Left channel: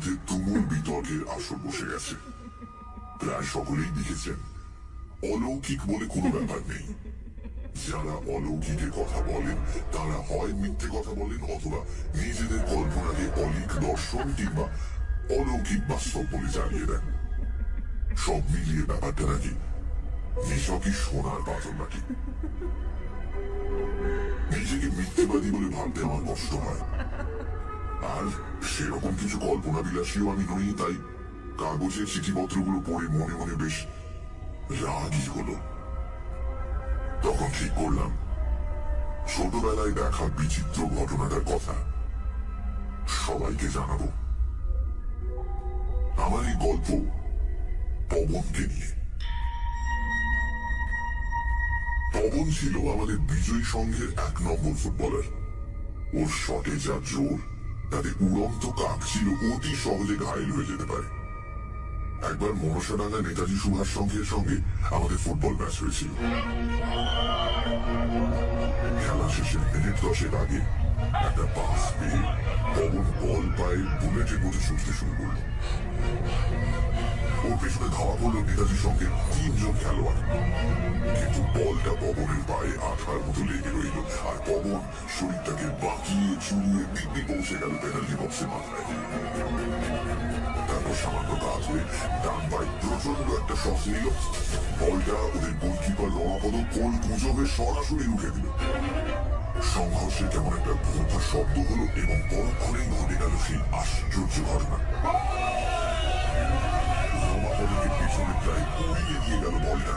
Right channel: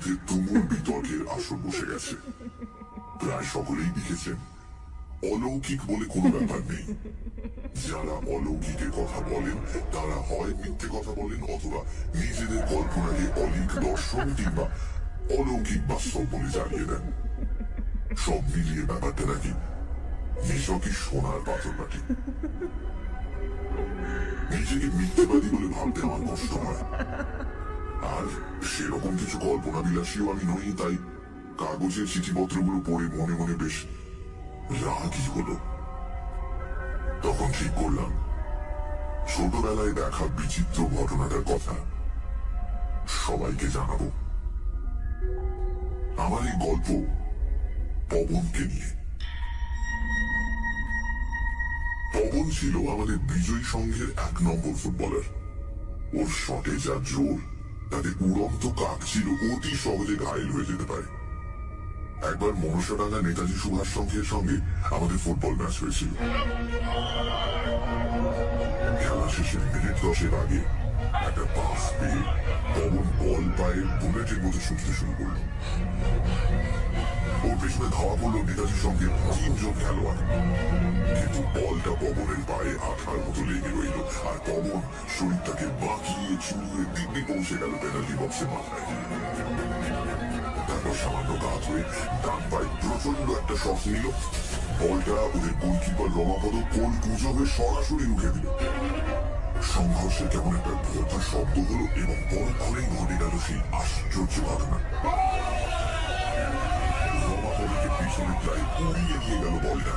মধ্যে তুমুল বিতর্কের আসর বসে গেছে। প্রায় সকলেই লিখেছেন অলৌকিক বলে কোনো ব্যাপার নেই। যারা অলৌকিকের কথা বলেন তারা হয় মিথ্যে কথা বলেন অথবা নিজেদের কল্পনাকে অলিক দর্শন কিংবা অলৌকিক বাস্তব বলে জানিয়ে দেন। সব মিলিয়ে ব্যাপারটা নাকি নিছকই সোনার পাথর মাটি। নিজেকে মিথ্যেবাদী বলে ভাবতে আমার কষ্ট হয়, আর সেরকম কিছু কল্পনা বিলাসীও আমি নই। তাই কাগজের চিঠিপত্রগুলো পড়ে মনে মনে বেশ রাগই হলো। তখন ঠিক করলাম ছোটবেলায় দেখা বিচিত্র ঘটনাটার কথা সবাইকে জানাবো। আমার এই গল্প পবনকে নিয়ে। পবন ছিল আমাদের বিজয়ী সংঘের 1 নম্বর ফুটবলার। ওর শটে যা জোর, তাতে উড়ন্ত কাক ছিল অতি সহজে ঘায়েল হয়ে যেতে পারে। একবার মনসাডাঙ্গা নেতাজি সুভাষ সংঘের সঙ্গে আমাদের ফুটবল ম্যাচ হয়েছিল। খেলা শেষের মিনিট 10 আগে একটা পাস পেয়ে পবন বল পায়ে বুলেটের মতো ছুটতে শুরু করল। ওর পেছনে ধাওয়া করলো নেতাজির সঙ্গে 3 জন খেলোয়াড়, কিন্তু বলটা পবনের পায়ে আঠার মতো লেগে রইল, আর পবন শরীরটাকে বাঁকিয়ে চুরিয়ে দিব্যি পৌঁছে গেল পেনাল্টি বক্সের মাথায়। তারপর সামান্য গা ধরে ডান পায়ে প্রচন্ড একটা শট নিল। বলটা ওদের গোলকিপার রমাপদ কোল পুজো হয়ে সরাসরি রুখে দিল। সংঘর্ষে কেমন একটা ভোঁতা শব্দ হলো এবং পরক্ষণেই ঘটে গেল সেই আশ্চর্য ঘটনা। রমাপদকে পিছনে প্রায় উড়িয়ে নিয়ে গেল বলটা।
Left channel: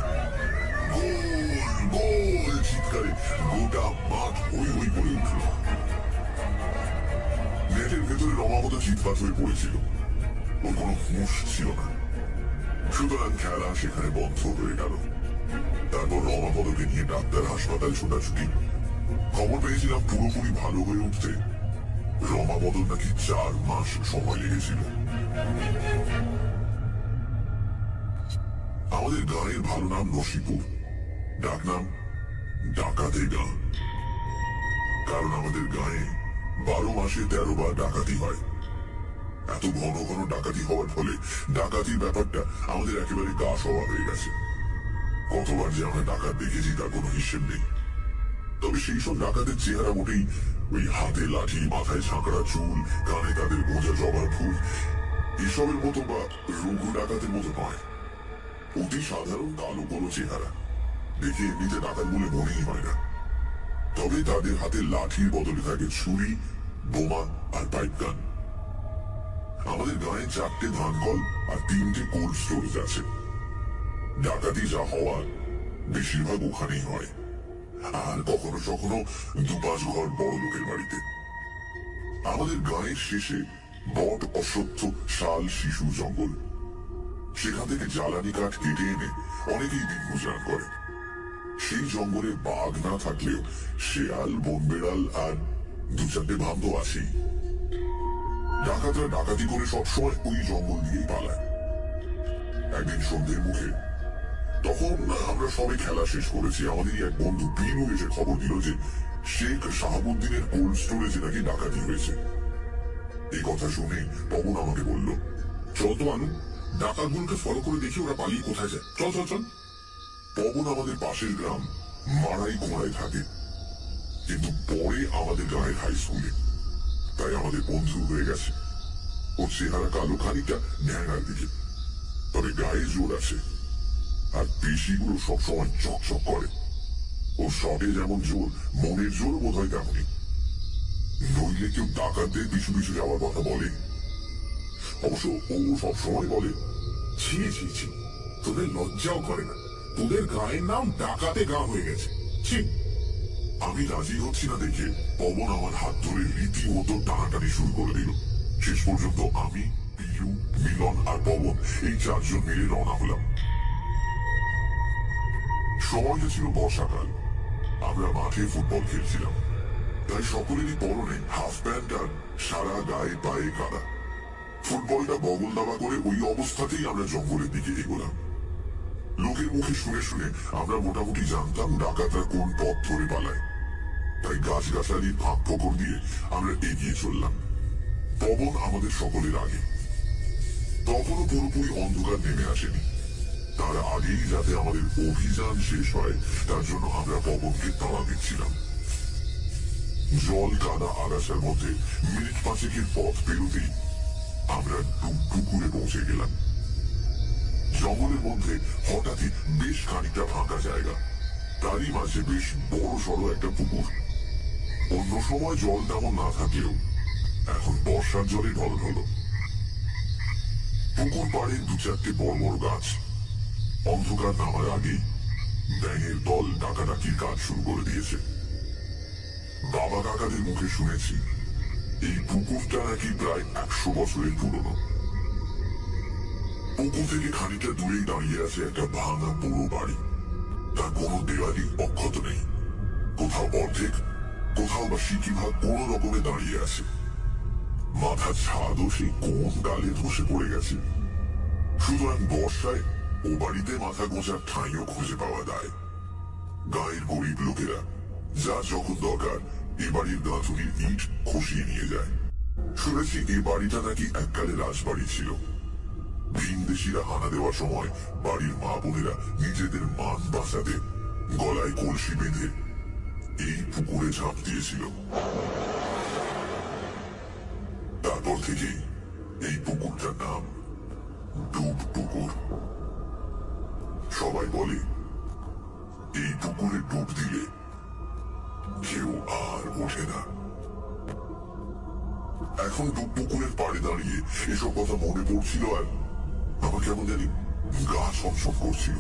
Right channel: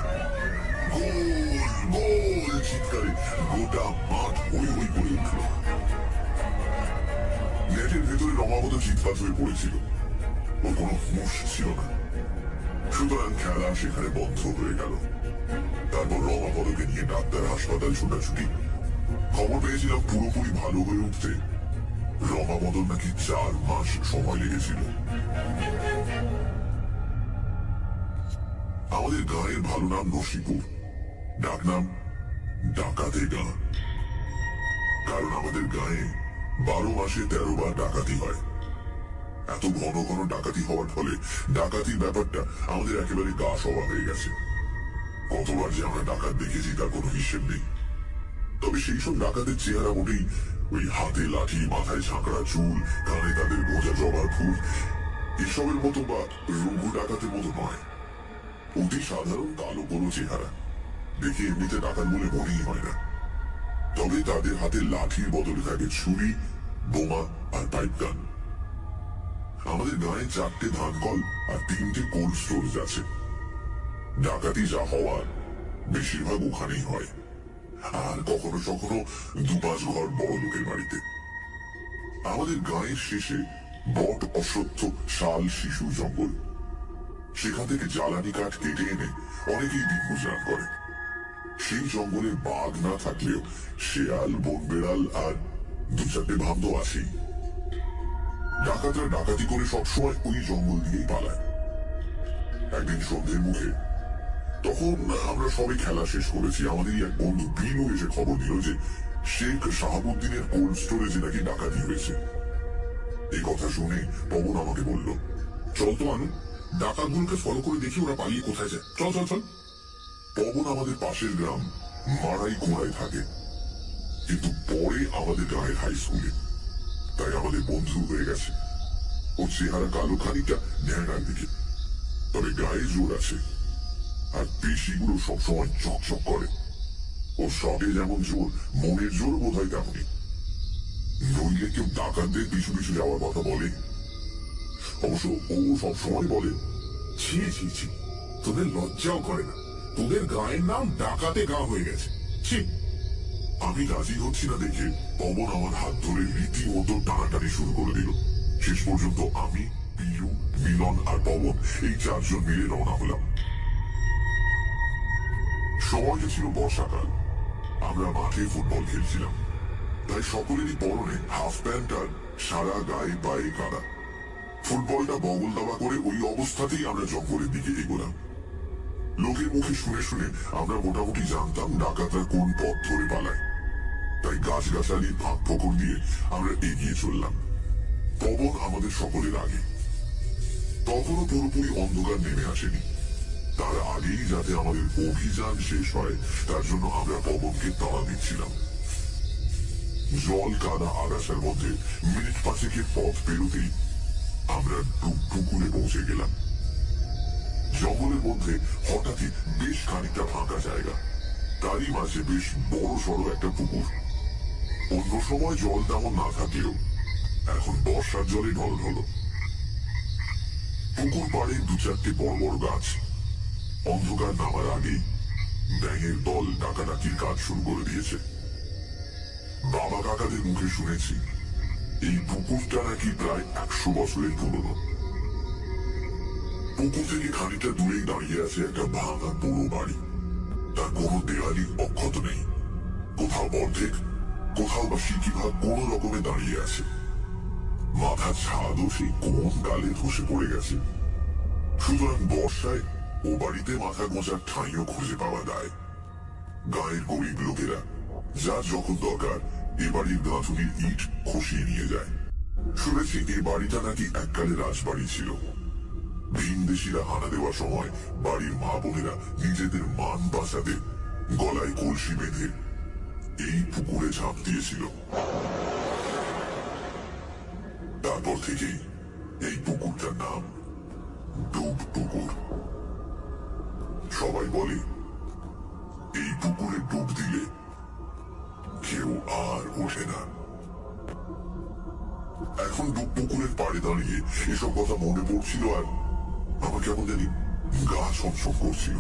গোল গোল চিৎকারে গোটা মাঠ হই হই করে উঠল। নেটের ভেতরে রমাপদ চিৎপাত হয়ে পড়েছিল, ওর কোনো হুঁশ ছিল না। সুতরাং খেলা সেখানে বন্ধ হয়ে গেল। তারপর রমাপদকে নিয়ে ডাক্তার হাসপাতাল ছোটাছুটি। খবর পেয়েছিলাম পুরোপুরি ভালো হয়ে উঠতে রমাপদর নাকি 4 মাস সময় লেগেছিল। আমাদের গাঁয়ের ভালো নাম নসিপুর, ডাকনাম ডাকাতের গাঁ। কারণ আমাদের গাঁয়ে 12 মাসে 13 বার ডাকাতি হয়। এত ঘন ঘন ডাকাতি হওয়ার ফলে ডাকাতির ব্যাপারটা আমাদের একেবারে গা সওয়া হয়ে গেছে। কতবার যে আমরা ডাকাত দেখেছি তার কোনো হিসেব নেই। তবে সেই সব ডাকাতের চেহারা মোটেই ওই হাতে লাঠি, মাথায় ঝাঁকড়া চুল, কানে তাদের গোঁজা জবার ফুল এসবের মতো বা রঘু ডাকাতের মতো নয়। অতি সাধারণ কালো কোনো চেহারা, দেখে এমনিতে ডাকাত বলে মনেই হয় না। তবে তাদের হাতে লাঠির বদলে থাকে ছুরি, বোমা আর পাইপ গান। আমাদের গাঁয়ে 4টে ধানকল আর 3টে কোল্ড স্টোরেজ আছে। ডাকাতি যা হওয়ার বেশিরভাগ ওখানেই হয়, আর কখনো কখনো 2-5 ঘর বড় লোকের বাড়িতে। আমাদের গাঁয়ের শেষে বট, অশ্বত্থ, শাল, শিশু জঙ্গল। সেখান থেকে জ্বালানি কাঠ কেটে এনে অনেকেই দিন গুজরান করে। সেই জঙ্গলে বাঘ না থাকলেও শেয়াল, বনবেড়াল আর 2-4টে ভাম তো আছেই। ডাকাতরা ডাকাতি করে সবসময় ওই জঙ্গল দিয়েই পালায়। একদিন সন্ধ্যের মুখে, তখন আমরা সবাই খেলা শেষ করেছি, আমাদেরই এক বন্ধু বিনু এসে খবর দিল যে শেখ শাহাবুদ্দিনের কোল্ড স্টোরেজে নাকি ডাকাতি হয়েছে। এই কথা শুনে পবন আমাকে বলল, চল তো মানু, ডাকাতগুলোকে ফলো করে দেখি ওরা পালিয়ে কোথায় যায়। চল চল চল। পবন আমাদের পাশের গ্রাম মারাই কোড়ায় থাকে, কিন্তু পরে আমাদের গ্রামের হাই স্কুলে, তাই আমাদের বন্ধু হয়ে গেছে। ওর চেহারা কালো, খানিকটা ন্যাংরার দিকে, তবে গায়ে জোর আছে, আর পেশিগুলো সবসময় চকচক করে। ওর শটে যেমন জোর, মনের জোর বোধ হয় তেমনই। নইলে কেউ ডাকাতদের পিছু পিছু যাওয়ার কথা বলে? অবশ্য ও সবসময় বলে, ছি ছি ছি, তোদের লজ্জাও করে না, তোদের গায়ের নাম ডাকাতে গাঁ হয়ে গেছে, ছি। আমি রাজি হচ্ছি না দেখে পবন আমার হাত ধরে রীতিমতো টানাটানি শুরু করে দিল। শেষ পর্যন্ত আমি, পিলু, মিলন আর পবন এই 4 জন মিলে রওনা হলাম। সময়টা ছিল বর্ষাকাল। আমরা মাঠে ফুটবল খেলছিলাম, তাই সকলেরই পরনে হাফ প্যান্ট আর সারা গায়ে পায়ে কাদা। ফুটবলটা বগল দাবা করে ওই অবস্থাতেই আমরা জঙ্গলের দিকে এগোলাম। লোকের মুখে শুনে শুনে আমরা মোটামুটি জানতাম ডাকাতরা কোন পথ ধরে পালায়, তাই গাছগাছালির ফাঁক ফোকর দিয়ে আমরা এগিয়ে চললাম। পবন আমাদের সকলের আগে। তখনও পুরোপুরি অন্ধকার নেমে আসেনি। তার আগেই যাতে আমাদের অভিযান শেষ হয় তার জন্য আমরা পবনকে তাড়া দিচ্ছিলাম। জল কাদা আগাছার মধ্যে মিনিট পাঁচেকের পথ পেরোতেই আমরা পুকুরে পৌঁছে গেলাম। জঙ্গলের মধ্যে হঠাৎই বেশ খানিকটা ফাঁকা জায়গা, তারই মাঝে বেশ বড় সড়ো একটা পুকুর। অন্য সময় জল তেমন না থাকলেও এখন বর্ষার জলে ঢলঢল। পুকুর পাড়ে দু চারটে বড় বড় গাছ। অন্ধকার নামার আগেই ব্যাঙের দল ডাকাডাকির কাজ শুরু করে দিয়েছে। বাবা কাকাদের মুখে শুনেছি এই পুকুরটা নাকি প্রায় 100 বছরের পুরনো। পুকুর থেকে খানিকটা দূরেই দাঁড়িয়ে আছে একটা ভাঙা পুরো বাড়ি। তার কোনো দেওয়ালি অক্ষত নেই, কোথাও অর্ধেক, কোথাও বা সিকি ভাগ কোন রকমে দাঁড়িয়ে আছে। মাথার ছাদও সেই কোন ডালে ধসে পড়ে গেছে। সুতরাং বর্ষায় ও বাড়িতে মাথা গোঁজার ঠাঁইও খুঁজে পাওয়া যায়। গাঁয়ের গরিব লোকেরা যার যখন দরকার এ বাড়ির গাঁথুনির ইট খসিয়ে নিয়ে যায়। শুনেছি এই বাড়িটা নাকি এককালে রাজবাড়ি ছিল। ভিনদেশীরা হানা দেওয়ার সময় বাড়ির মা বোনেরা নিজেদের মান বাঁচাতে গলায় কলসি বেঁধে এই পুকুরে ঝাঁপ দিয়েছিল। তারপর থেকেই এই পুকুরটার নাম ডুব পুকুর। সবাই বলে এই পুকুরে ডুব দিলে কেউ আর ওঠে না। এখন ডুব পুকুরের পাড়ে দাঁড়িয়ে এসব কথা মনে পড়ছিল আর আমার কেমন জানি গা ছমছম করছিল।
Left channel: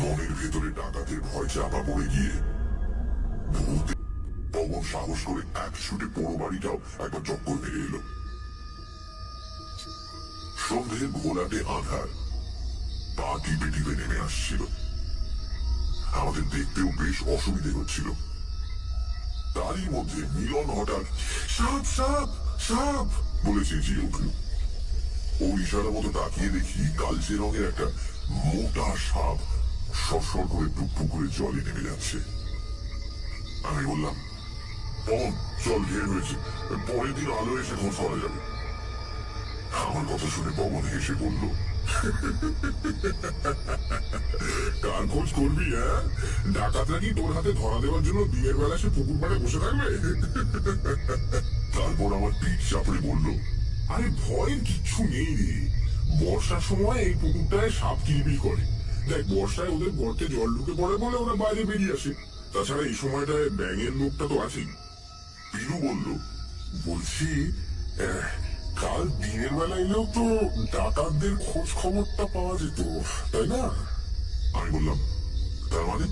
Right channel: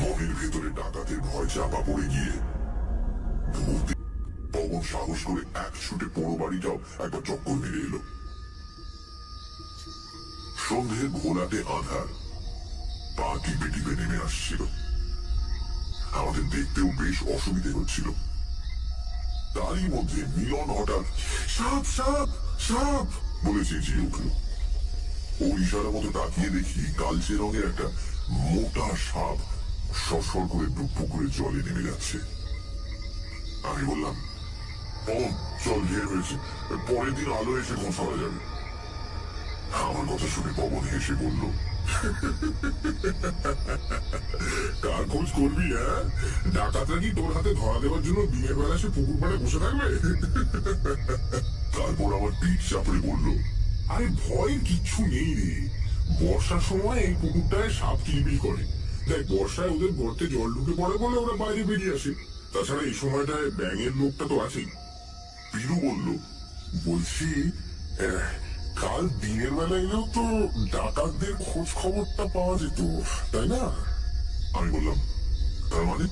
মনের ভেতরে ডাকাতের ভয় চাপা পড়ে গিয়ে পবন সাহস করে এক ছুটে পোড়ো বাড়িটাও একবার চক্কর মেরে এলো। সন্ধে ঘোলাটে আধার পা টিপে টিপে নেমে আসছিল। আমাদের দেখতেও বেশ অসুবিধে হচ্ছিল। তারই মধ্যে মিলন হঠাৎ সাপ সাপ সাপ বলে চেঁচিয়ে উঠল। ও ইশারা মতো তাকিয়ে দেখি কালচে রঙের একটা মোটা সাপ সরসর করে পুকুরের জলে নেমে যাচ্ছে। আমি বললাম, পবন চল, ঢের হয়েছে, পরের দিন আলো এসে খোঁজ করা যাবে। আমার কথা শুনে পবন হেসে বলল, কার খোঁজ করবি? হ্যাঁ, ডাকাতরা কি তোর হাতে ধরা দেওয়ার জন্য দিনের বেলা সে পুকুর পাড়ে বসে থাকবে? তারপর আমার পিঠ চাপড়ে বলল, আরে ভয়ের কিচ্ছু নেই রে। বর্ষার সময় এই পুকুরটায় সাপ কিলবিল করে। দেখ, বর্ষায় ওদের গর্তে জল ঢুকে পড়ে বলে ওরা বাইরে বেরিয়ে আসে। তাছাড়া এই সময়টায় ব্যাঙের লোকটা তো আছেই। পিলু বলল, বলছি কাল দিনের বেলা এলেও তো ডাকাতদের খোঁজ খবরটা পাওয়া যেত, তাই না? আমি বললাম, তার মানে?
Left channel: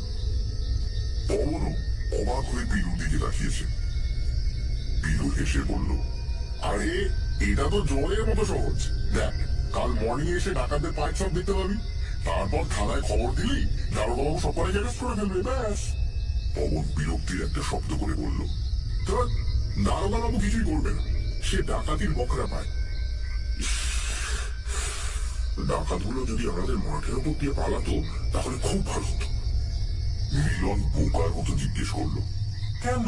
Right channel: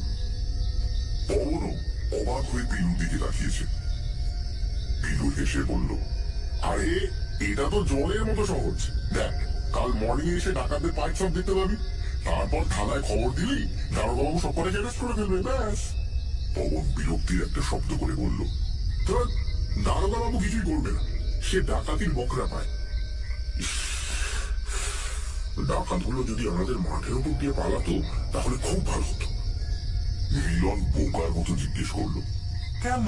পবনও অবাক হয়ে পিলুর দিকে তাকিয়েছে। পিলু হেসে বলল, আরে এটা তো জলের মতো সহজ। দেখ, কাল মর্নিং এসে ডাকাতদের পাইপ সব দেখতে পাবি, তারপর থানায় খবর দিলি দারোগাবাবু সব করে অ্যারেস্ট করে ফেলবে, ব্যাস। পবন বিরক্তির একটা শব্দ করে বলল, তোর দারোগাবাবু কিছুই করবে না, সে ডাকাতির বকরা পায়। ডাকাতগুলো যদি আমাদের মাঠের উপর দিয়ে পালাতো তাহলে খুব ভালো হতো। মিলন বোকার মতো জিজ্ঞেস করলো, কেন?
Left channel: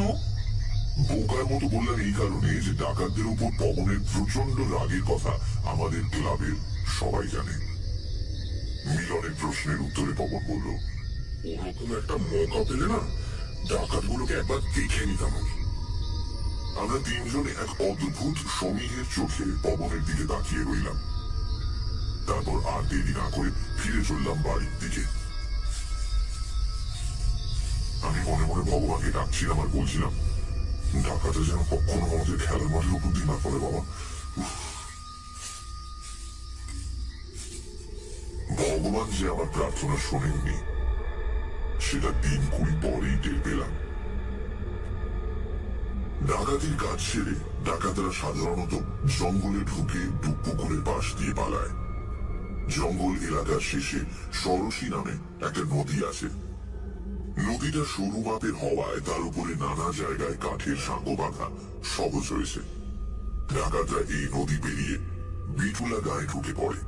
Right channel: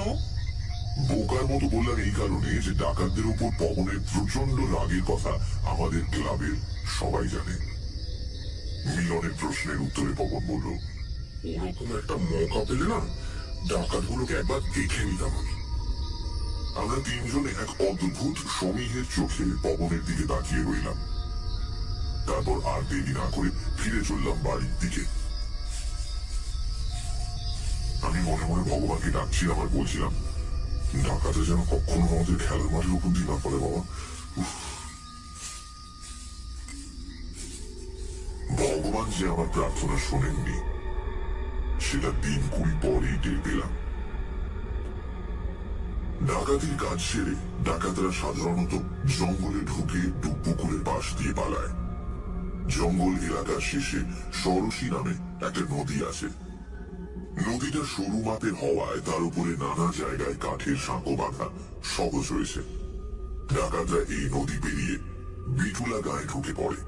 বোকার মতো বললাম এই কারণে যে ডাকাতদের উপর পবনের প্রচন্ড রাগের কথা আমাদের ক্লাবের সবাই জানে। মিলনের প্রশ্নের উত্তরে পবন বলল, ওরকম একটা মৌকা পেলে না ডাকাতগুলোকে একবার দেখে নিতাম আমি। আমরা তিনজনে এক অদ্ভুত সমীহের চোখে পবনের দিকে তাকিয়ে রইলাম। তারপর আর দেরি না করে ফিরে চললাম বাড়ির দিকে। আমি মনে মনে ভগবানকে ডাকছিলাম আর বলছিলাম, ডাকাতে যেন কখনো আমাদের খেলার মাঠের উপর দিয়ে না পড়ে বাবা। ভগবান যে আমার প্রার্থনা শোনেননি সেটা দিন 20 পরেই টের পেলাম। ডাকাতির কাজ সেরে ডাকাতরা সাধারণত জঙ্গলে ঢুকে পুকুরের পাশ দিয়ে পালায়। জঙ্গল এলাকার শেষে সরসী নামে একটা নদী আছে। নদীটা সরু মাপের হওয়ায় তার উপরে নানা জায়গায় কাঠের সাঁকো বাঁধা সহজ হয়েছে। ডাকাতরা এই নদী পেরিয়ে বিটুলা গায়ে ঢুকে পড়ে,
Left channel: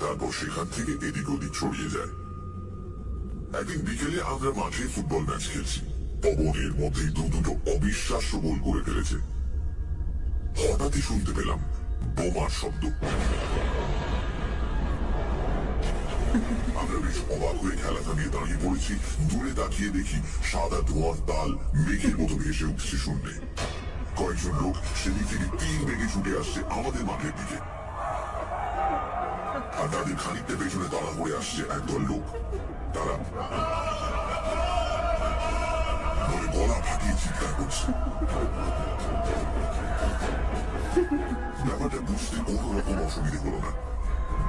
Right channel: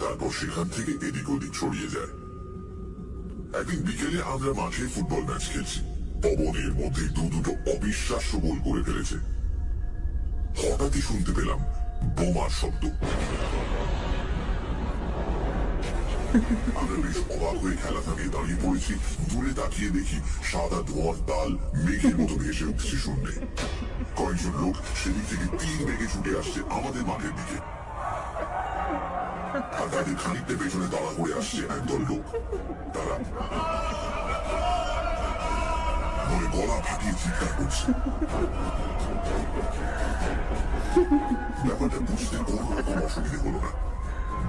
তারপর সেখান থেকে এদিক ওদিক ছড়িয়ে যায়। একদিন বিকেলে আমরা মাঠে ফুটবল ম্যাচ খেলছি। পবনের মধ্যে দুটো অবিশ্বাস্য গোল করে ফেলেছে। হঠাৎই শুনতে পেলাম বোমার শব্দ। আমরা বেশ অবাক হয়ে খেলা থামিয়ে দাঁড়িয়ে পড়েছি। দূরে তাকিয়ে দেখি সাদা ধোঁয়ার তাল মেঘের মতো ভেসে উঠছে শূন্যে। কয়েকজন লোক সেদিক থেকে তীর বেগে ছুটে আসছে আমাদের মাঠের দিকে, আর তাদের খানিকটা পেছনে তাড়া করে আসছে একদল লোক। তারা বলে গলা ফাটিয়ে চিৎকার করছে। ব্যাপারটা বুঝতে কোনো রকম অসুবিধে হলো না।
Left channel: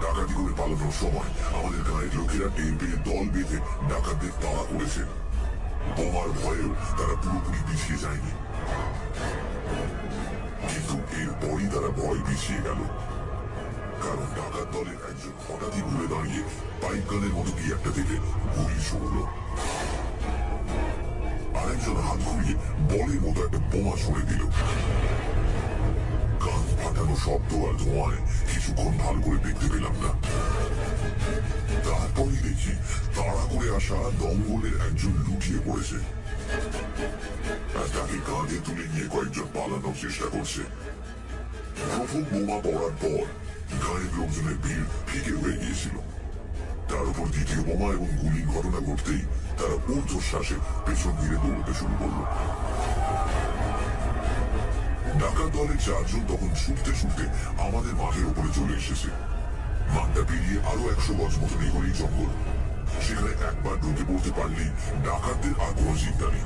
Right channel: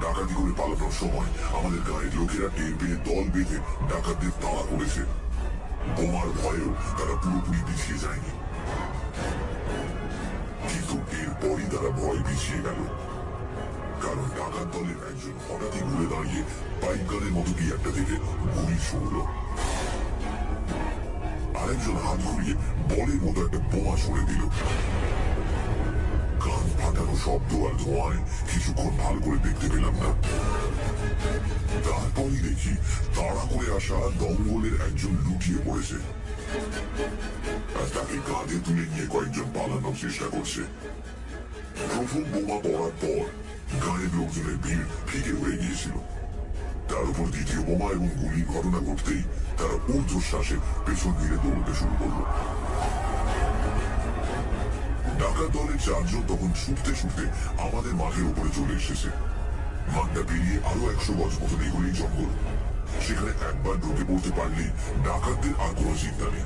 ডাকাতি করে পালানোর সময় আমাদের গায়ের লোকেরা টের পেয়ে দল বেঁধে ডাকাতদের তাড়া করেছে। বোমার ভয়েও তারা পুরোপুরি পিছিয়ে যায়নি, কিন্তু এরপরই তারা ভয় পিছিয়ে গেল, কারণ ডাকাত দলের একজন হঠাৎই ঘুরে দাঁড়িয়ে পাইপ গানের মতো কি একটা থেকে গুলি ছুড়ল। আরেকজন হাত ঘুরিয়ে বলের মতো একটা বোমা ছুড়ে দিল। কান ফাটানো শব্দ আর ধোঁয়ায় কিছুক্ষণ ভালো করে দেখতে পেলাম না। তারপরই দেখি তাড়া করে আসা দঙ্গলের একজন লুটিয়ে পড়েছে, আর তাকে কাঁধে তুলে নিয়ে কয়েকজন পালানোর চেষ্টা করছে। প্রথম বোমা পড়ার পর গায়ের লোকজনের ভিড় ফিকে হয়ে গিয়েছিল। তার উপর দ্বিতীয় বোমা এবং গুলির ঘটনা ঘটতেই তারা ঊর্ধ্বশ্বাসে পেছন ফিরে দৌড়তে শুরু করল। ডাকাত দলের চারজন তখন ছুটতে ছুটতে আমাদের মাঠের উপরে চলে এসেছে। মাঠটা পেরিয়ে আরো 100 গজ মতো এগোলেই জঙ্গল। সেখানে একবার ঢুকে পড়তে পারলেই ডাকাতদের আর কোনো চিন্তা নেই।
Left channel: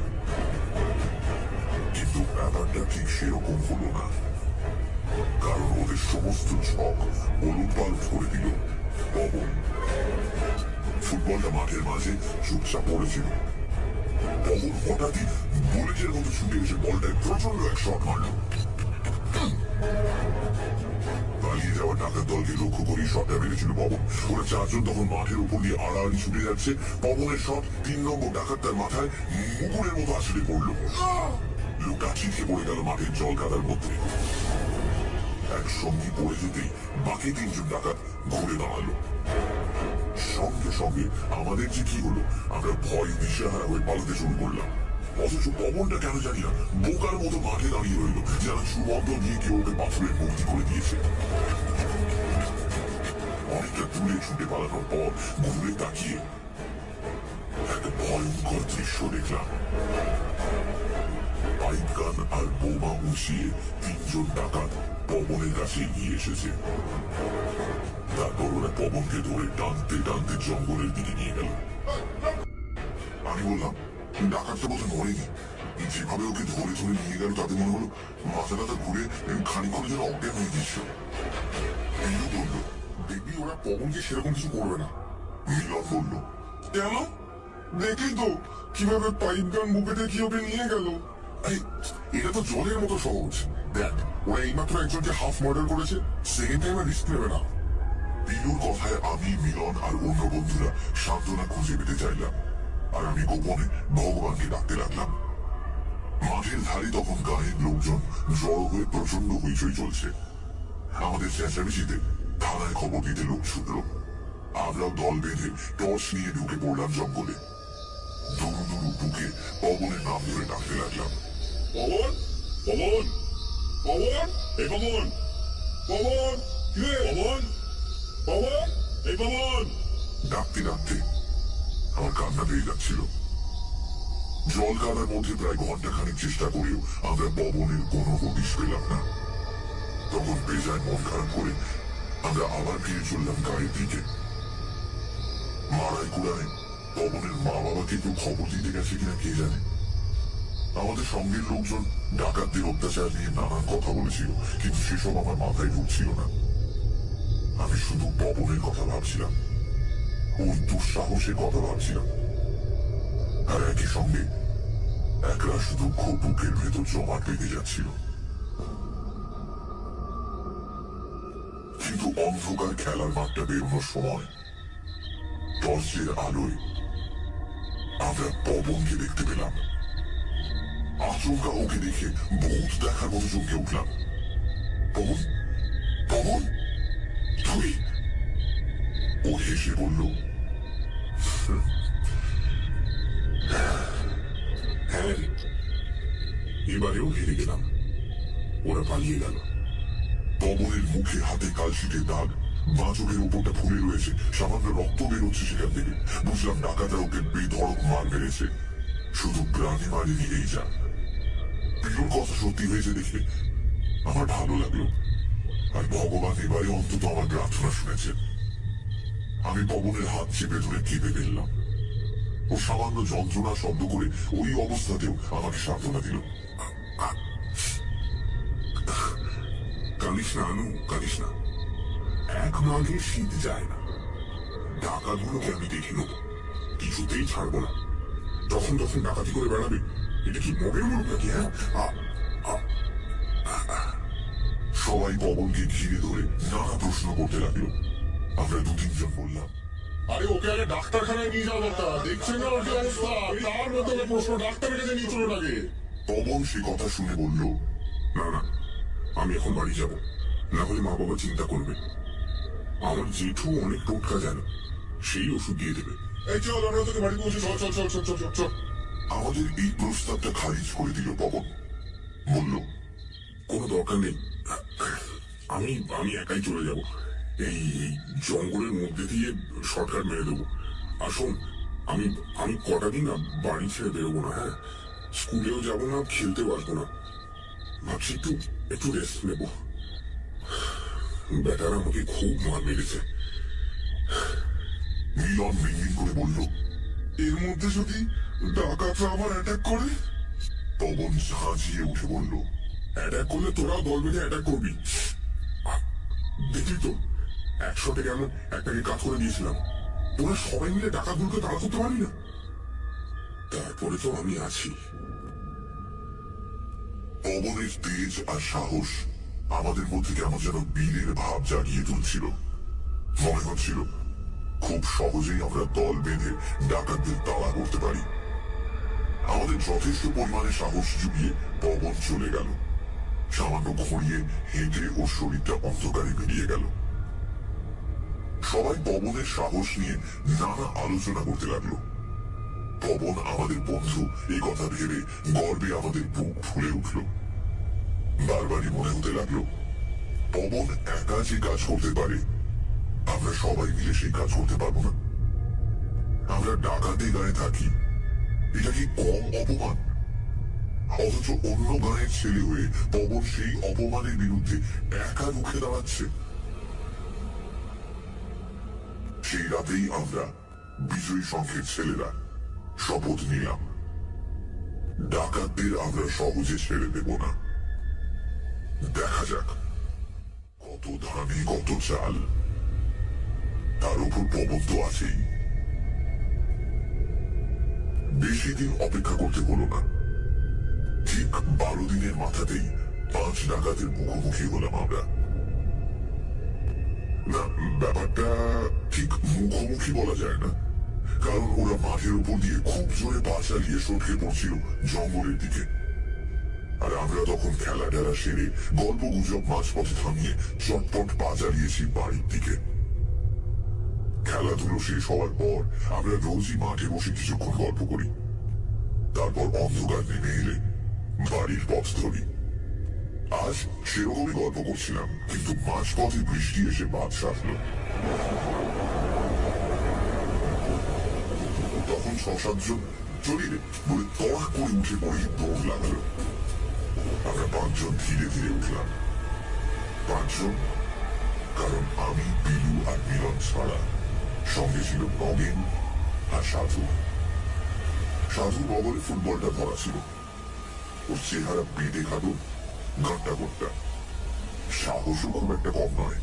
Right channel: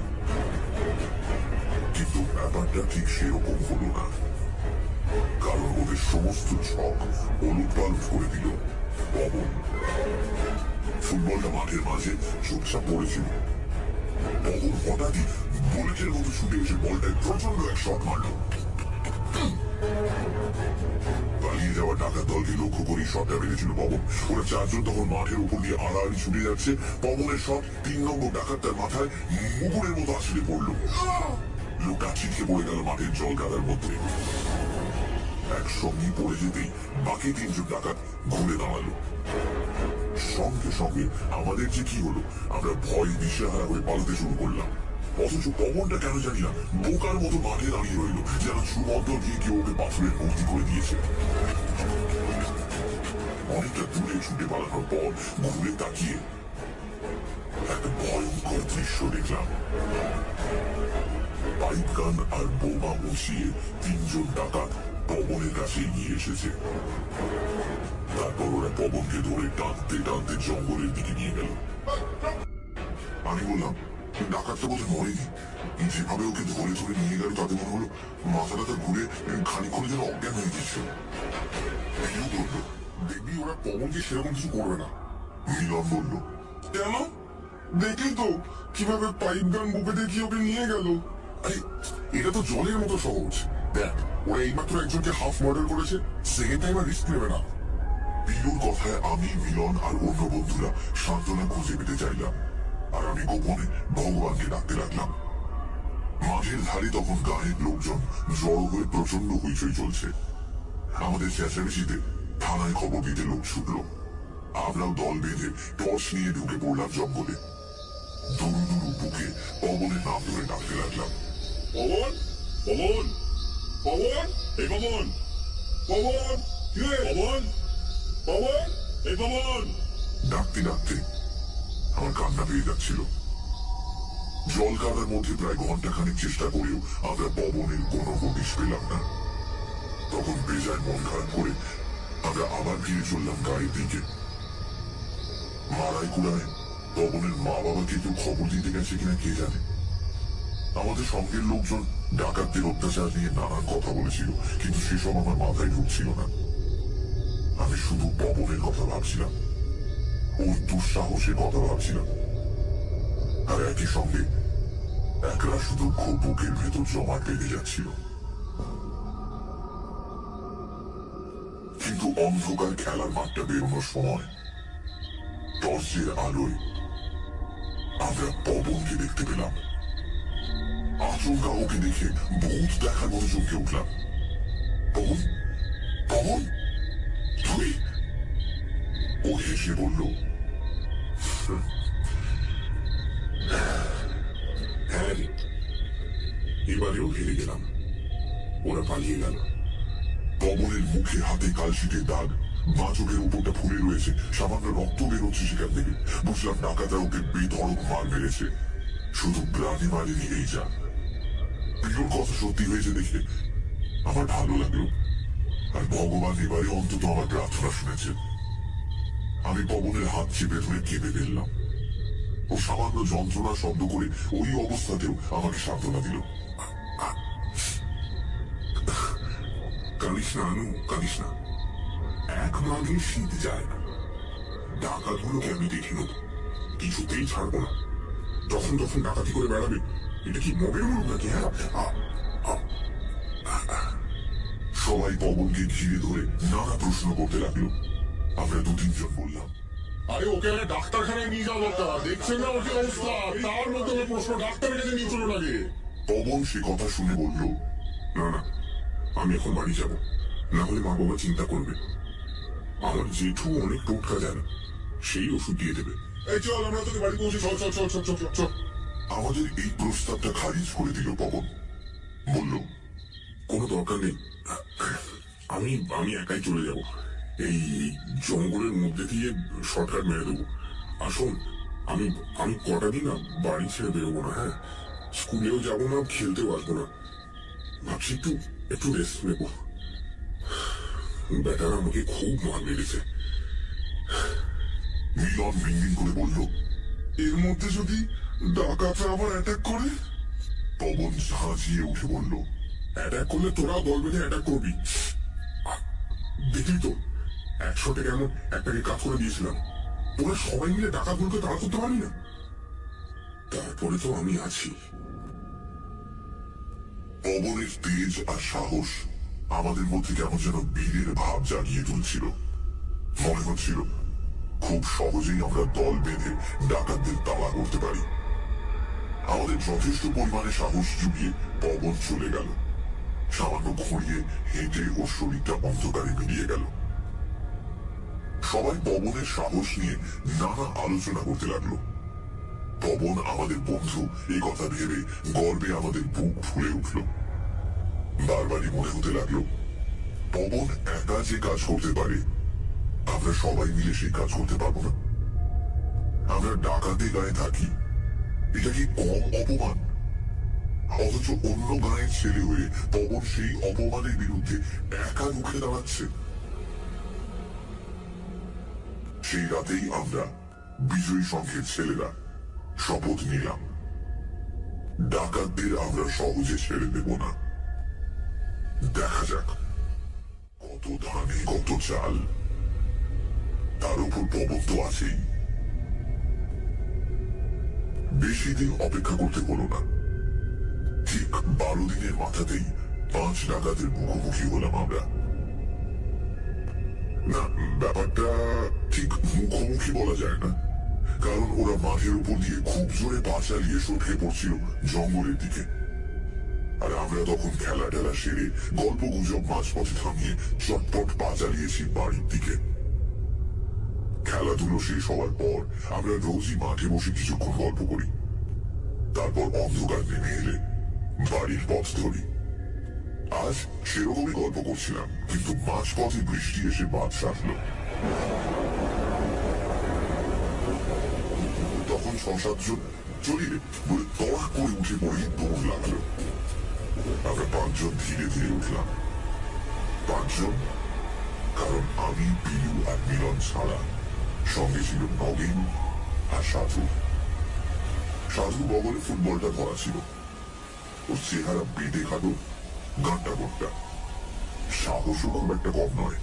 কিন্তু ব্যাপারটা ঠিক সেরকম হলো না, কারণ ওদের সমস্ত ছক ওলটপালট করে দিল পবন। ফুটবলটা মাঠের মাঝে চুপচাপ পড়েছিল। পবন হঠাৎই বুলেটের মতো ছুটে এসে বলটায় প্রচন্ড এক শট মারল। পালিয়ে যাওয়া ডাকাত দলকে লক্ষ্য করেই শটটা মেরেছিল পবন। ওরা চারজন তখন মাঠের উপর দিয়ে আড়াআড়ি ছুটে যাচ্ছে। পবনের শট 3 নম্বর ডাকাতটার মাথায় মুগুরের মতো আছড়ে পড়ল। লোকটা ছিটকে পড়ে গেল মাঠের জল কাদার মধ্যে। একসঙ্গে পড়ে যেতেই বাকি 3 জন ডাকাত ঘুরে দাঁড়ালো। সঙ্গে সঙ্গে আমাদের যে কি হলো, আমরা ভয় দিশেহারা হয়ে পালাতে শুরু করলাম। অথচ পবনটা কেন জানি না বোকার মতো মাঠে দাঁড়িয়ে রইল, যেন সুবদ্ধ গিয়ে কেউ ওকে পাথরের মূর্তি করে দিয়েছে। অনেকটা দূরে ছুটে পালানোর পর ঘুরে তাকিয়ে একটা ভয়ঙ্কর দৃশ্য দেখলাম। পাইপ গান আর বোমা উঁচিয়ে 3 জন ডাকাত পবনের কাছে এগিয়ে এসেছে। তারপর ওরা পবনকে ধরে টানতে টানতে জঙ্গলের দিকে নিয়ে গেল। আমি বললাম, ডাকাতটা বোধহয় মরেনি। যেভাবে ওকে ধরে ধরে নিয়ে গেল তাতে মনে হলো মাথাটা ঘুরে খানিক্ষণের জন্য অজ্ঞান হয়ে গিয়েছিল। পিলু বলল, দেখবি ওরা পবনকে সেরকম কিছু করবে না। মিলন বলল, কেন? দেখলি তো কিভাবে পাইপ গান বুকে দেখিয়ে ওকে নিয়ে গেল। আরে এটা তো জলের মতো সহজ। দেখ, ওরা এইমাত্র একজনকে হাফ মার্ডার করেছে, সেকেন্ড টাইম আর রিস্ক নেবে না। পিলুর কথায় আমি, মিলন আর অন্য বন্ধুরা সান্ত্বনা খুঁজে পেতে চাইলাম, আর আমি গোপনে ভগবানকে ডাকতে লাগলাম। মাঠের ধারে তখন গায়ের লোকজন জড়ো হয়ে প্রচন্ড হইচই চলছে। আমাদের চেঁচামেচিতে থানায় খবর দিতে লোক ছুটল। আমরাও দল বেঁধে টর্চ নিয়ে ঢুকে পড়লাম জঙ্গলে। দুরু দুরু বুকে পবনের নাম ধরে ডাকতে লাগলাম, পবন, পবন, পবন, এই পবন, পবন, পবন, পবন, এই পবন। ডাকতে ডাকতে আমার কান্না পেয়ে যাচ্ছিল। জল কাদার মধ্যে প্রায় ঘন্টাখানেক চেষ্টা করেও আমরা পবনের কোনো হদিশ পেলাম না। তখন বেজায় মন খারাপ করে আমরা আবার ফিরে চললাম গাড়ির দিকে। মারাই কুড়ায় পবনের মা বাবাকে কেউ খবর দিতে গেছে কিনা কে জানে। আমাদের সঙ্গের লোকজন ডাকাতদের অত্যাচার নিয়ে নানান কথা বলেছিল, কিন্তু সেসব আমার মাথায় ঢুকছিল না। আমি শুধু পবনের কথা ভাবছিলাম, ওর দুঃসাহসের কথা ভাবছিলাম, আর একই সঙ্গে একরাশ দুঃখ বুকের ভেতর জমাট বেঁধে যাচ্ছিল। কিন্তু অন্ধকার খেলার মাঠটা বেরোনোর সময় টর্চের আলোয় আমরা পবনকে দেখতে পেলাম। আচমকা ওকে দেখে ভূত দেখার মতো চমকে উঠলাম। পবন, পবন, তুই? ও হেসে বলল, হ্যাঁ রে, এবারেও হেরে গেলাম। ওরা পালিয়ে গেল। পবনের মুখে হাতে কালশিটের দাগ, বাঁ চোখের উপরটা ফুলে রয়েছে, সামান্য রক্ত বেরোচ্ছে সেখান থেকে। বুঝলাম ডাকাতরা ওকে বেধড়ক মার মেরেছে, শুধু প্রাণী মারেনি এই যা। পিলুর কথা সত্যি হয়েছে দেখে আমার ভালো লাগলো, আর ভগবান এবারে অন্তত আমার প্রার্থনা শুনেছেন। আমি পবনের হাত চেপে ধরে কেঁপে ফেললাম। ও সামান্য যন্ত্রণা শব্দ করে ওই অবস্থাতেও আমাকে সান্ত্বনা দিল। কালিস না আনু, কালিস না। এক মাঘে শীত যায় না। ডাকাতগুলোকে আমি দেখে নেব, কিছুতেই ছাড়বো না। তখন তখন ডাকাতি করে বেড়াবে, এটা কি মগের মুখ নাকি? হ্যাঁ, সবাই পবনকে ঘিরে ধরে নানা প্রশ্ন করতে লাগলো। আমরা দু তিনজন বললাম, আরে ওকে আগে ডাক্তারখানায় নিয়ে যাওয়া দরকার। দেখছেন না ওর কি অবস্থা? তার মধ্যে প্রশ্ন, ডাক্তারের কাছে নিয়ে চলুন আগে। পবন সে কথা শুনে বলল, না না, আমি এখন বাড়ি যাব, না হলে মা বাবা চিন্তা করবে। আমার জেঠু অনেক টোটকা জানে, সেই ওষুধ দিয়ে দেবে। এই চল, আমরা তোকে বাড়ি পৌঁছে। চল চল চল চল চল চল চল। আমাদের এই প্রস্তাবটা খারিজ করে দিল পবন। বলল, কোনো দরকার নেই, আমি আমি একাই চলে যাব। এই জঙ্গলের মধ্যে দিয়ে শর্টকাট মেরে দেবো। আসুন, আমি আমি কটা দিন না বাড়ি ছেড়ে বেরোবো না। হ্যাঁ, স্কুলেও যাব না, খেলতেও আসবো না। ভাবছি একটু একটু রেস্ট নেব। বেটারা আমাকে খুব মার মেরেছে। মিলন মিনমিন করে বলল, এর মধ্যে যদি ডাকাতরা আবার অ্যাটাক করে? পবন ঝাঁঝিয়ে উঠে বলল, অ্যাটাক করলে তোরাও দল বেঁধে অ্যাটাক করবি। দেখলি তো, 100 থেকে এমন একটাকে কাজ করে দিয়েছিলাম। ওরা সবাই মিলে ডাকাতগুলোকে তাড়া করতে পারবি না? তারপরে তো আমি আছি। পবনের তেজ আর সাহস আমাদের মধ্যে কেমন যেন বীরের ভাব জাগিয়ে তুলছিল। মনে হচ্ছিল খুব সহজেই আমরা দল বেঁধে ডাকাতদের তাড়া করতে পারি। আমাদের যথেষ্ট পরিমাণে সাহস জুগিয়ে পবন চলে গেল। সামান্য ঘুরিয়ে হেঁটে ওর শরীরটা অন্ধকারে মিলিয়ে গেল। সবাই পবনের সাহস নিয়ে নানা আলোচনা করতে লাগলো। পবন আমাদের বন্ধু এই কথা ভেবে গর্বে আমাদের বুক ফুলে উঠল। বারবারই মনে হতে লাগলো, পবন একা যে কাজ করতে পারে, আমরা সবাই মিলে সেই কাজ করতে পারবো না? আমরা ডাকাতে গায়ে থাকি, এটা কি কম অপমান? অথচ অন্য গায়ের ছেলে হয়ে পবন সেই অপমানের বিরুদ্ধে একা রুখে দাঁড়াচ্ছে। সেই রাতেই আমরা বিজয়ী সংঘের ছেলেরা শপথ নিলাম, ডাকাতদের আমরা সহজে ছেড়ে দেব না। দেখা যাক কত ধানে কত চাল, তার উপর পবন তো আছেই। বেশি দিন অপেক্ষা করতে হলো না। ঠিক 12 দিনের মাথাতেই 5 ডাকাতের মুখোমুখি হলাম আমরা। না, ব্যাপারটা ঠিক মুখোমুখি বলা যায় না, কারণ ওরা মাঠের উপর দিয়ে খুব জোরে পা চালিয়ে সটকে পড়ছিল জঙ্গলের দিকে। আর আমরা তখন খেলা টেলা সেরে গল্প গুজব মাঝপথে থামিয়ে চটপট পা চালিয়েছি বাড়ির দিকে। খেলাধুলো শেষ হওয়ার পর আমরা রোজই মাঠে বসে কিছুক্ষণ গল্প করি। তারপর অন্ধকার নেমে এলে বাড়ির পথ ধরি। আজ সেরকমই গল্প করছিলাম, কিন্তু মাঝপথে বৃষ্টি এসে বাদ সাধল। তখন 6-7 জন চলিলে বলে তড়া করে উঠে পড়ে দৌড় লাগলো। আমরা 5 জন ধীরে ধীরে উঠলাম। 5 জন, কারণ আমি, বিলু আর মিলন ছাড়া সঙ্গে ছিল নগেন আর সাধু। সাধু বগলে ফুটবলটা ধরা ছিল। ওর চেহারা বেটে খাটো, গাঁটটা গোট্টা, সাহসও খুব একটা কম নয়।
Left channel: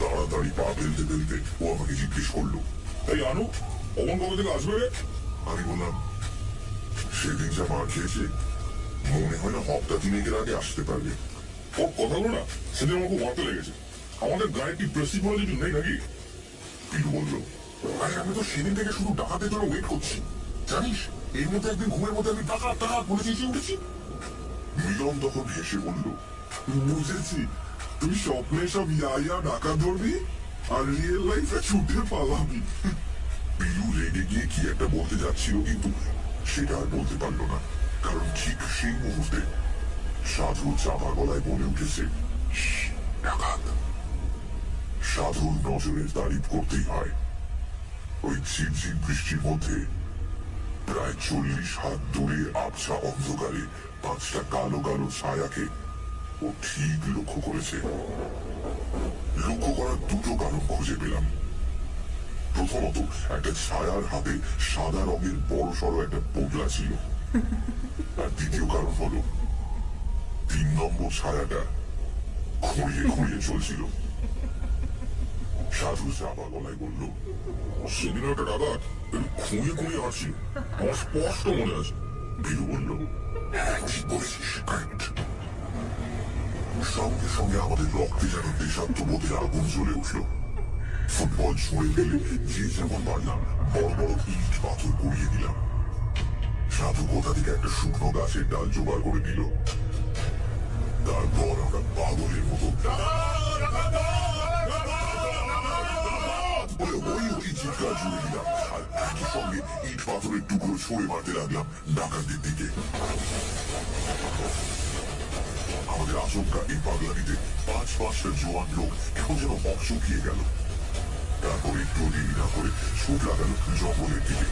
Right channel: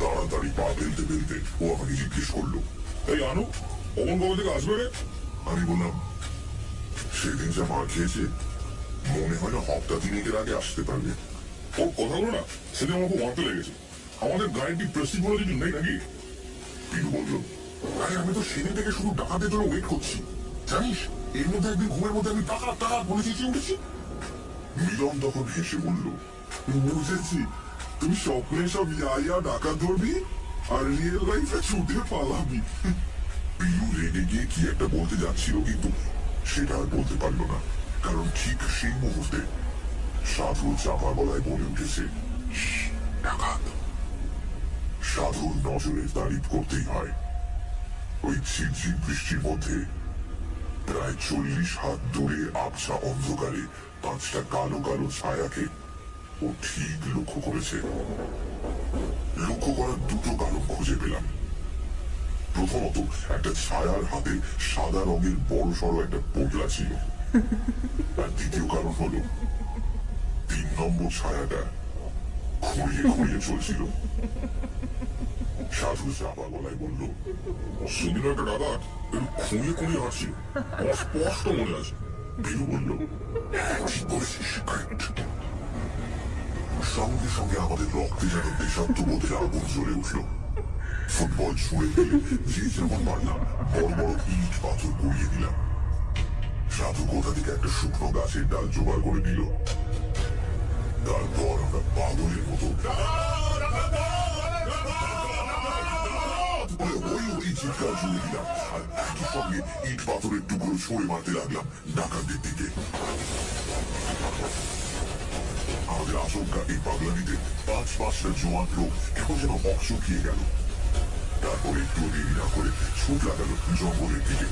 তাড়াতাড়ি পা ফেলতে ফেলতে ও আমাকে জিজ্ঞেস করলো, এই আনু, অমন কবে থেকে আসবে রে? আমি বললাম, সেদিন যা মার খেয়েছে মনে হয় না হপ্তা 3 আগে আসতে পারবে। ওর কথাগুলো না সেদিন আমার খুব মারতে লেগেছে। আমাদের গায়ে কি প্রেস্টিজ বলে কিছু নেই নাকি? পিলু বলল, আরে আমি তো সেদিন থেকে শুধু ডাকাতের জন্য ওয়েট করছি, জানিস? এর মধ্যে একদিন ঘুমের মধ্যে আমি ডাকাত ডাকাত বলে চেঁচিয়ে উঠেছি। মিলন তখন হেসে বলল, বুঝেছি, তুই স্বপ্নে সব ইয়া ডাকাত ধরবি আর রিয়েল লাইফে ছুটে পালাবি। পিলু রেগে গিয়ে কি একটা বলতে যাচ্ছিল, কিন্তু সেটা আর বলতে পারলো না, কারণ ঠিক সেই মুহূর্তে সাধু চাপা গলায় বলে উঠেছে, ডাকাত। সাধুর নজরের তারিফ করতেই হয়। ওই ঝিরঝির বৃষ্টির মধ্যে প্রায় 40 হাত দূরে আবছা অন্ধকারে 5টা কালো কালো ছায়াকে ও ঠিক লক্ষ্য করেছে। লক্ষ্য করার দুটো কারণ খুঁজে পেলাম। প্রথমত, একটা ছায়ার হাতে সাদা রঙের বড় সড়ো একটা পোটলা ছিল। আর দ্বিতীয় কারণ হলো 3 নম্বর ছায়াটা খুঁড়িয়ে খুঁড়িয়ে চলছিল। সাধু চাপা গলায় বলল, সেদিন একটা ডাকাত একটু খুঁড়িয়ে খুঁড়িয়ে হাঁটছিল, আমার স্পষ্ট মনে আছে। বীরু বলল, ঠিক বলেছিস, কারেক্ট। সঙ্গে সঙ্গে আমাদের রক্তে যেন দেশাত্মবোধের আগুন জ্বলে উঠল। ফুটবল ছুঁড়ে ফেলে যে যেমন পারলাম বড় বড় ইট পাথর গড়িয়ে দিলাম। সাধু কোথা থেকে একটা শুকনো গাছের ডাল জোগাড় করে দিল। তারপর আমরা পাগলের মতো ওই চিৎকার জুড়ে দিলাম, আর একই সঙ্গে ইট পাথরের টুকরো ছুঁড়ে মারতে লাগলাম ডাকাতদের দিকে। আমাদের আচমকা এই পাগলামিতে 5-5টা জোয়ান লোক কেমন যেন অচকিয়ে গেল। তারপর একটু দেরি না করে ছুট লাগালো জঙ্গলের দিকে।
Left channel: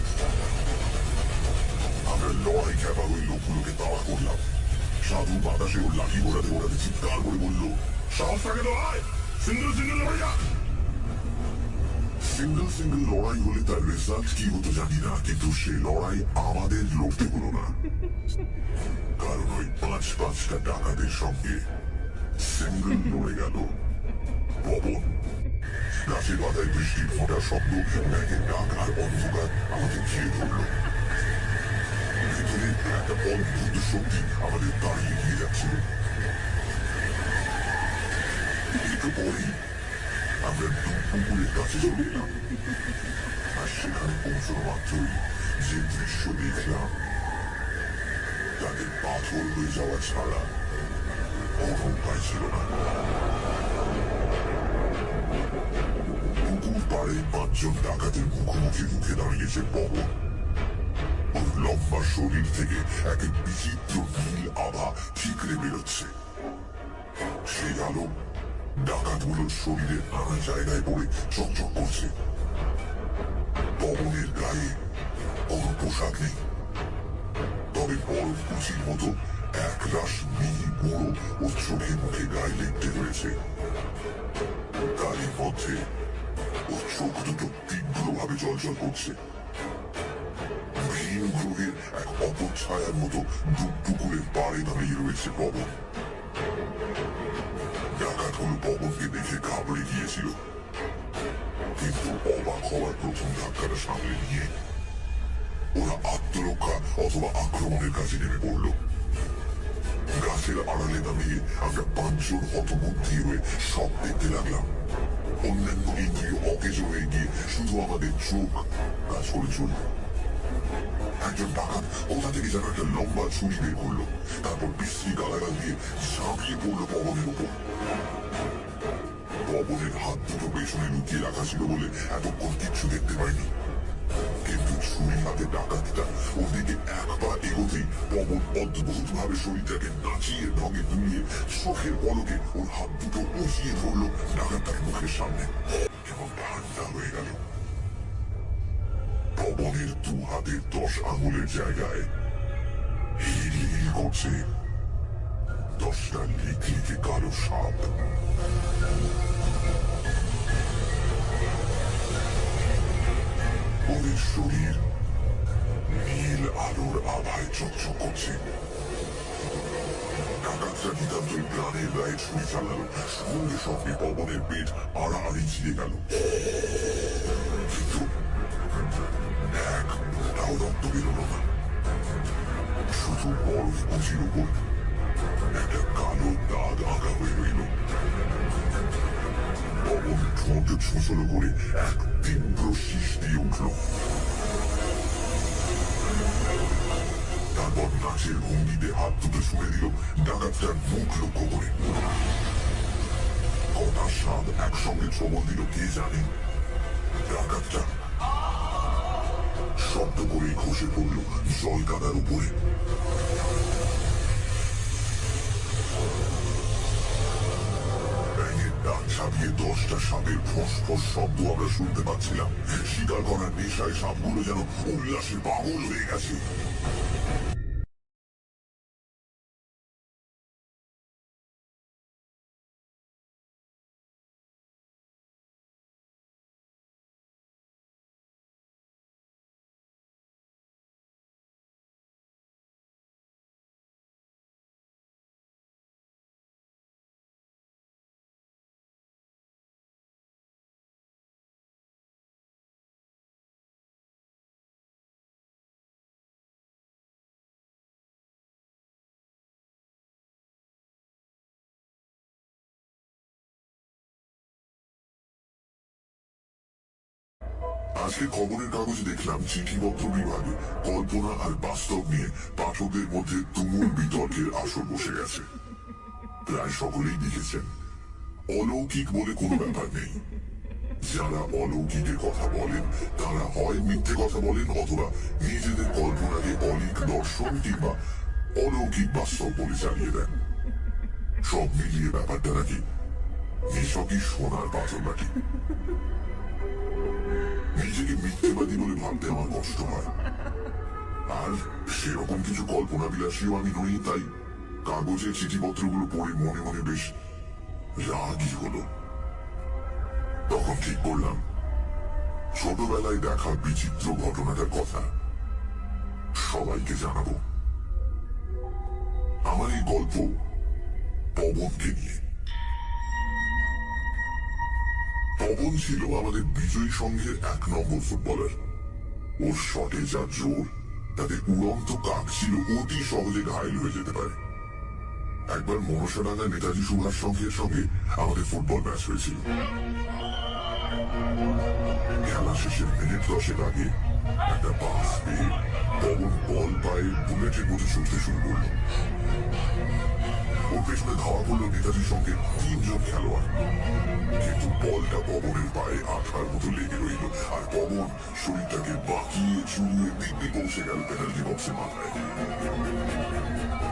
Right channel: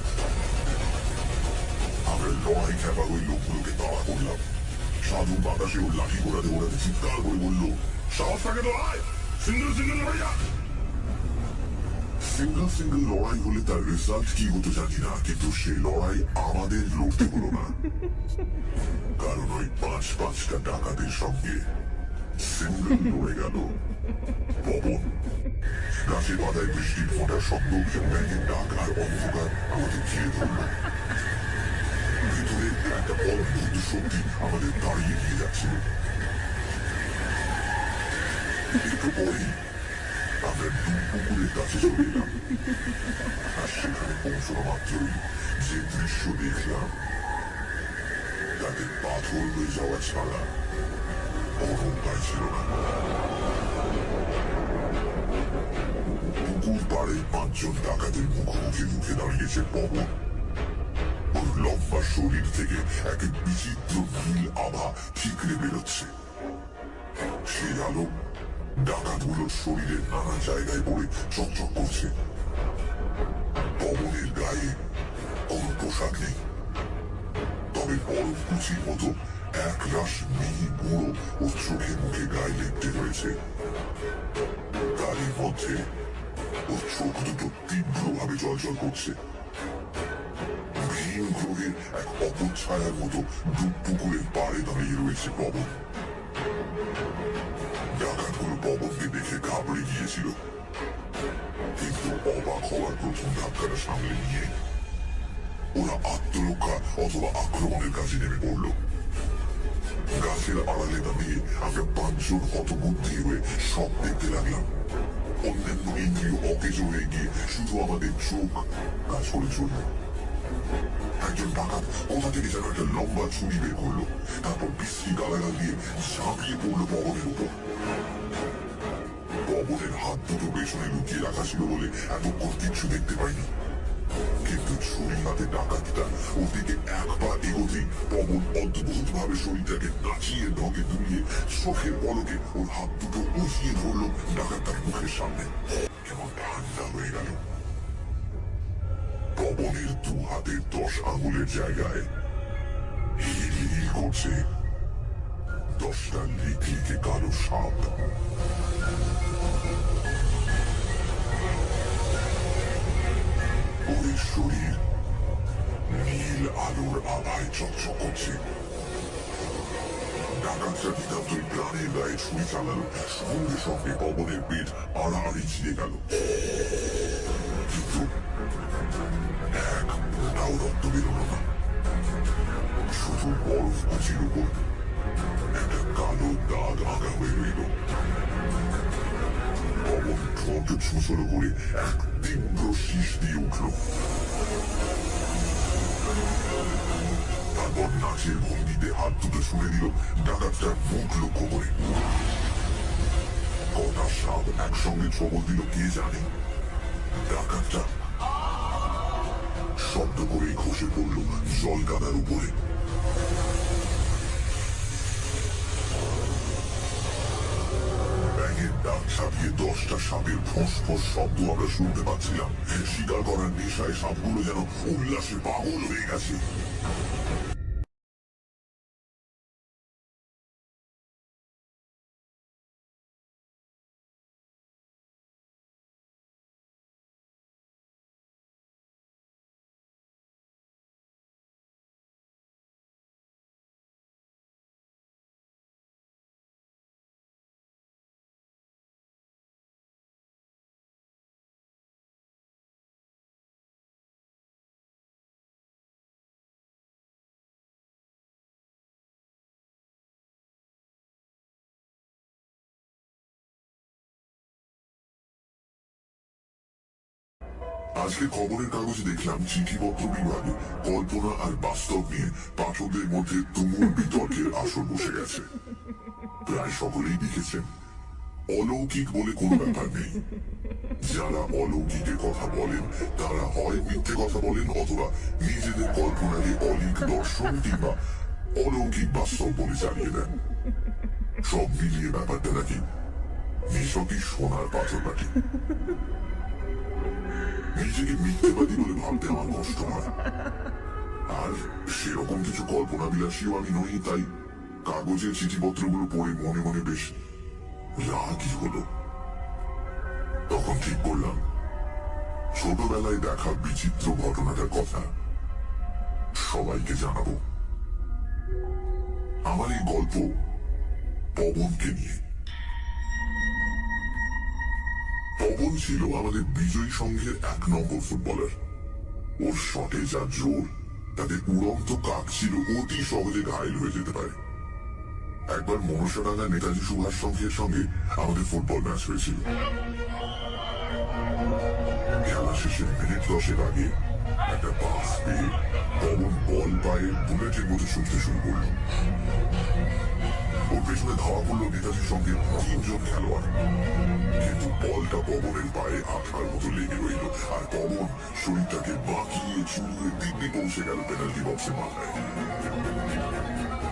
আমরা লড়াই খেপা ওই লোকগুলোকে তাড়া করলাম। সাধু বাতাসে ওর লাঠি ঘোরাতে ঘোরাতে চিৎকার করে বলল, সাহস থাকে তো ভাই, সিঙ্গেল সিঙ্গেল লড়াইয়া। সিঙ্গেল সিঙ্গেল লড়াই হলে তার রেজাল্ট কি হতো জানি না, কিন্তু সে লড়াই আমাদের লড়তে হলো না। কারণ ওই 5-5টা ডাকাতের সঙ্গে সিঙ্গেল লড়ে গেল পবন। গাছের পাতায় বৃষ্টির ফোঁটার শব্দ, ব্যাঙের ডাক আর অন্ধকার আমাদের ঘিরে ধরল। ভিতরে একটা অদ্ভুত শক্তি আমাদের দাঁড়িয়ে গিয়ে যাচ্ছিল। একটু পরেই আমরা পুকুরের কাছে চলে এলাম। আর সেখানে পৌঁছানো মাত্রই যে দৃশ্য দেখলাম তাতে পাথর হয়ে যাওয়া ছাড়া কোনো উপায় ছিল না। পুকুর পাড়ে 5 জন ডাকাতের মুখোমুখি মুখে দাঁড়িয়েছে পবন। ওর লম্বা শরীর থেকে এক বিচিত্র নীল আভা ঠিকরে বেরোচ্ছে। সেই আলো ডাকাতগুলোর শরীরের নানা জায়গায় পড়ে চকচক করছে। পবনের গায়ে কোনো পোশাক নেই, তবে বরফ কুচির মতো এক রাশ মিহি গুঁড়ো ও চোখে মুখে গায়ে লেপটে রয়েছে। তারই মধ্যে ওর চোখ দুটো তীব্রভাবে জলজল করছে। ভিন গ্রহের এক অপছায়ার মতো ডুব পুকুরের পাড়ে দাঁড়িয়ে রয়েছে পবন। ডাকাতগুলো পবনকে দেখে ঘাবড়ে গিয়েছিল, কিন্তু অবাক হওয়ার প্রথম ধাক্কাটা সামলে নিয়ে ওরা আত্মরক্ষা অথবা আক্রমণের কাজে নেমে পড়ল। গাছের আড়ালে দাঁড়িয়ে আমরা 5 জন হতবুদ্ধি হয়ে সব দেখতে লাগলাম। অন্যান্য ইন্দ্রিয় অকেজ হয়ে গিয়ে শুধু আমাদের চোখ কাজ করে চলল। একজন ডাকাত কোথা থেকে যেন একটা লম্বা ছুরি বের করলো, তারপর বিশ্রী গালাগাল দিয়ে ঝাঁপিয়ে পড়লো পবনের উপর। পবনের হাত দুটো পেছনে লুকিয়ে রাখা ছিল বলে এতক্ষণ কিচ্ছু দেখতে পাইনি, কিন্তু ছুরি হাতে ডাকাতটা ওর দিকে এক পা এগোতেই পবন অদ্ভুত ভাবে শরীরটাকে নাচিয়ে ঢঙে দুলিয়ে চোখের পলকে ওর হাত দুটো উঁচিয়ে ধরলো ডাকাতটার মুখের সামনে। কেমন ঠান্ডা হয়ে গেল। পবনের 2 হাতের 10 আঙুলের জায়গায় হিল হিল করছে 10টা লিকলিকে কালো সাপ। ওদের শরীর নীল আলোর আভায় চকচক করছে। ডাকাতরা নিতান্তই প্রাণের গায়ে ছুরি চালালো। সঙ্গে সঙ্গে পবনের পেট আড়াআড়ি ছিঁড়ে গেল, কিন্তু এক ফোঁটাও রক্ত বেরোলো না। শুধু বরফ কুচির উপর একটা কালো দাগ আঁকা হয়ে রইল। পবন ঠোঁট ছুঁচলো করে এক তীব্র শীষ দিয়ে উঠল। তারপর নাচের ভঙ্গিতে হাত দুটো ছুঁড়ে দিল ডাকাতটার মুখ লক্ষ্য করে। কটা সাপ একসঙ্গে ছবল দিল কে জানে। ডাকাতটা শব্দ করে খসে পড়ল জল কাদার উপরে। ছাপিয়ে 10টা সাপের ফোঁস ফোঁস শব্দ আমরা শুনতে পাচ্ছিলাম। শিকার করার নেশায় সাপগুলো যেন উল্লাসে পাগল হয়ে গেছে। আজকে খবরের কাগজে দেখলাম চিঠিপত্র বিভাগে কল্পনা আর বাস্তব নিয়ে পাঠকদের মধ্যে তুমুল বিতর্কের আসর বসে গেছে। প্রায় সকলেই লিখেছেন অলৌকিক বলে কোনো ব্যাপার নেই। যারা অলৌকিকের কথা বলেন তারা হয় মিথ্যে কথা বলেন অথবা নিজেদের কল্পনাকে অলিক দর্শন কিংবা অলৌকিক বাস্তব বলে চালিয়ে দেন। সব মিলিয়ে ব্যাপারটা নাকি নিছকই সোনার পাথর বাটি। নিজেকে মিথ্যেবাদী বলে ভাবতে আমার কষ্ট হয়, আর সেরকম কিছু কল্পনা বিলাসীও আমি নই। তাই কাগজের চিঠিপত্রগুলো পড়ে মনে মনে বেশ রাগই হলো। তখন ঠিক করলাম ছোটবেলায় দেখা বিচিত্র ঘটনাটার কথা সবাইকে জানাবো। আমার এই গল্প পবনকে নিয়ে। পবন ছিল আমাদের বিজয়ী সংঘের 1 নম্বর ফুটবলার। ওর শটে যা জোর, তাতে উড়ন্ত কাক ছিল অতি সহজে ঘায়েল হয়ে যেতে পারে। একবার মনসাডাঙ্গা নেতাজি সুভাষ সংঘের সঙ্গে আমাদের ফুটবল ম্যাচ হয়েছিল। খেলা শেষের মিনিট 10 আগে একটা পাস পেয়ে পবন বল পায়ে বুলেটের মতো ছুটতে শুরু করল। ওর পেছনে ধাওয়া করলো নেতাজি সঙ্গে 3 জন খেলোয়াড়, কিন্তু বলটা পবনের পায়ে আঠার মতো লেগে রইল, আর পবন শরীরটাকে বাঁকিয়ে চুরিয়ে দিব্যি পৌঁছে গেল পেনাল্টি বক্সের মাথায়।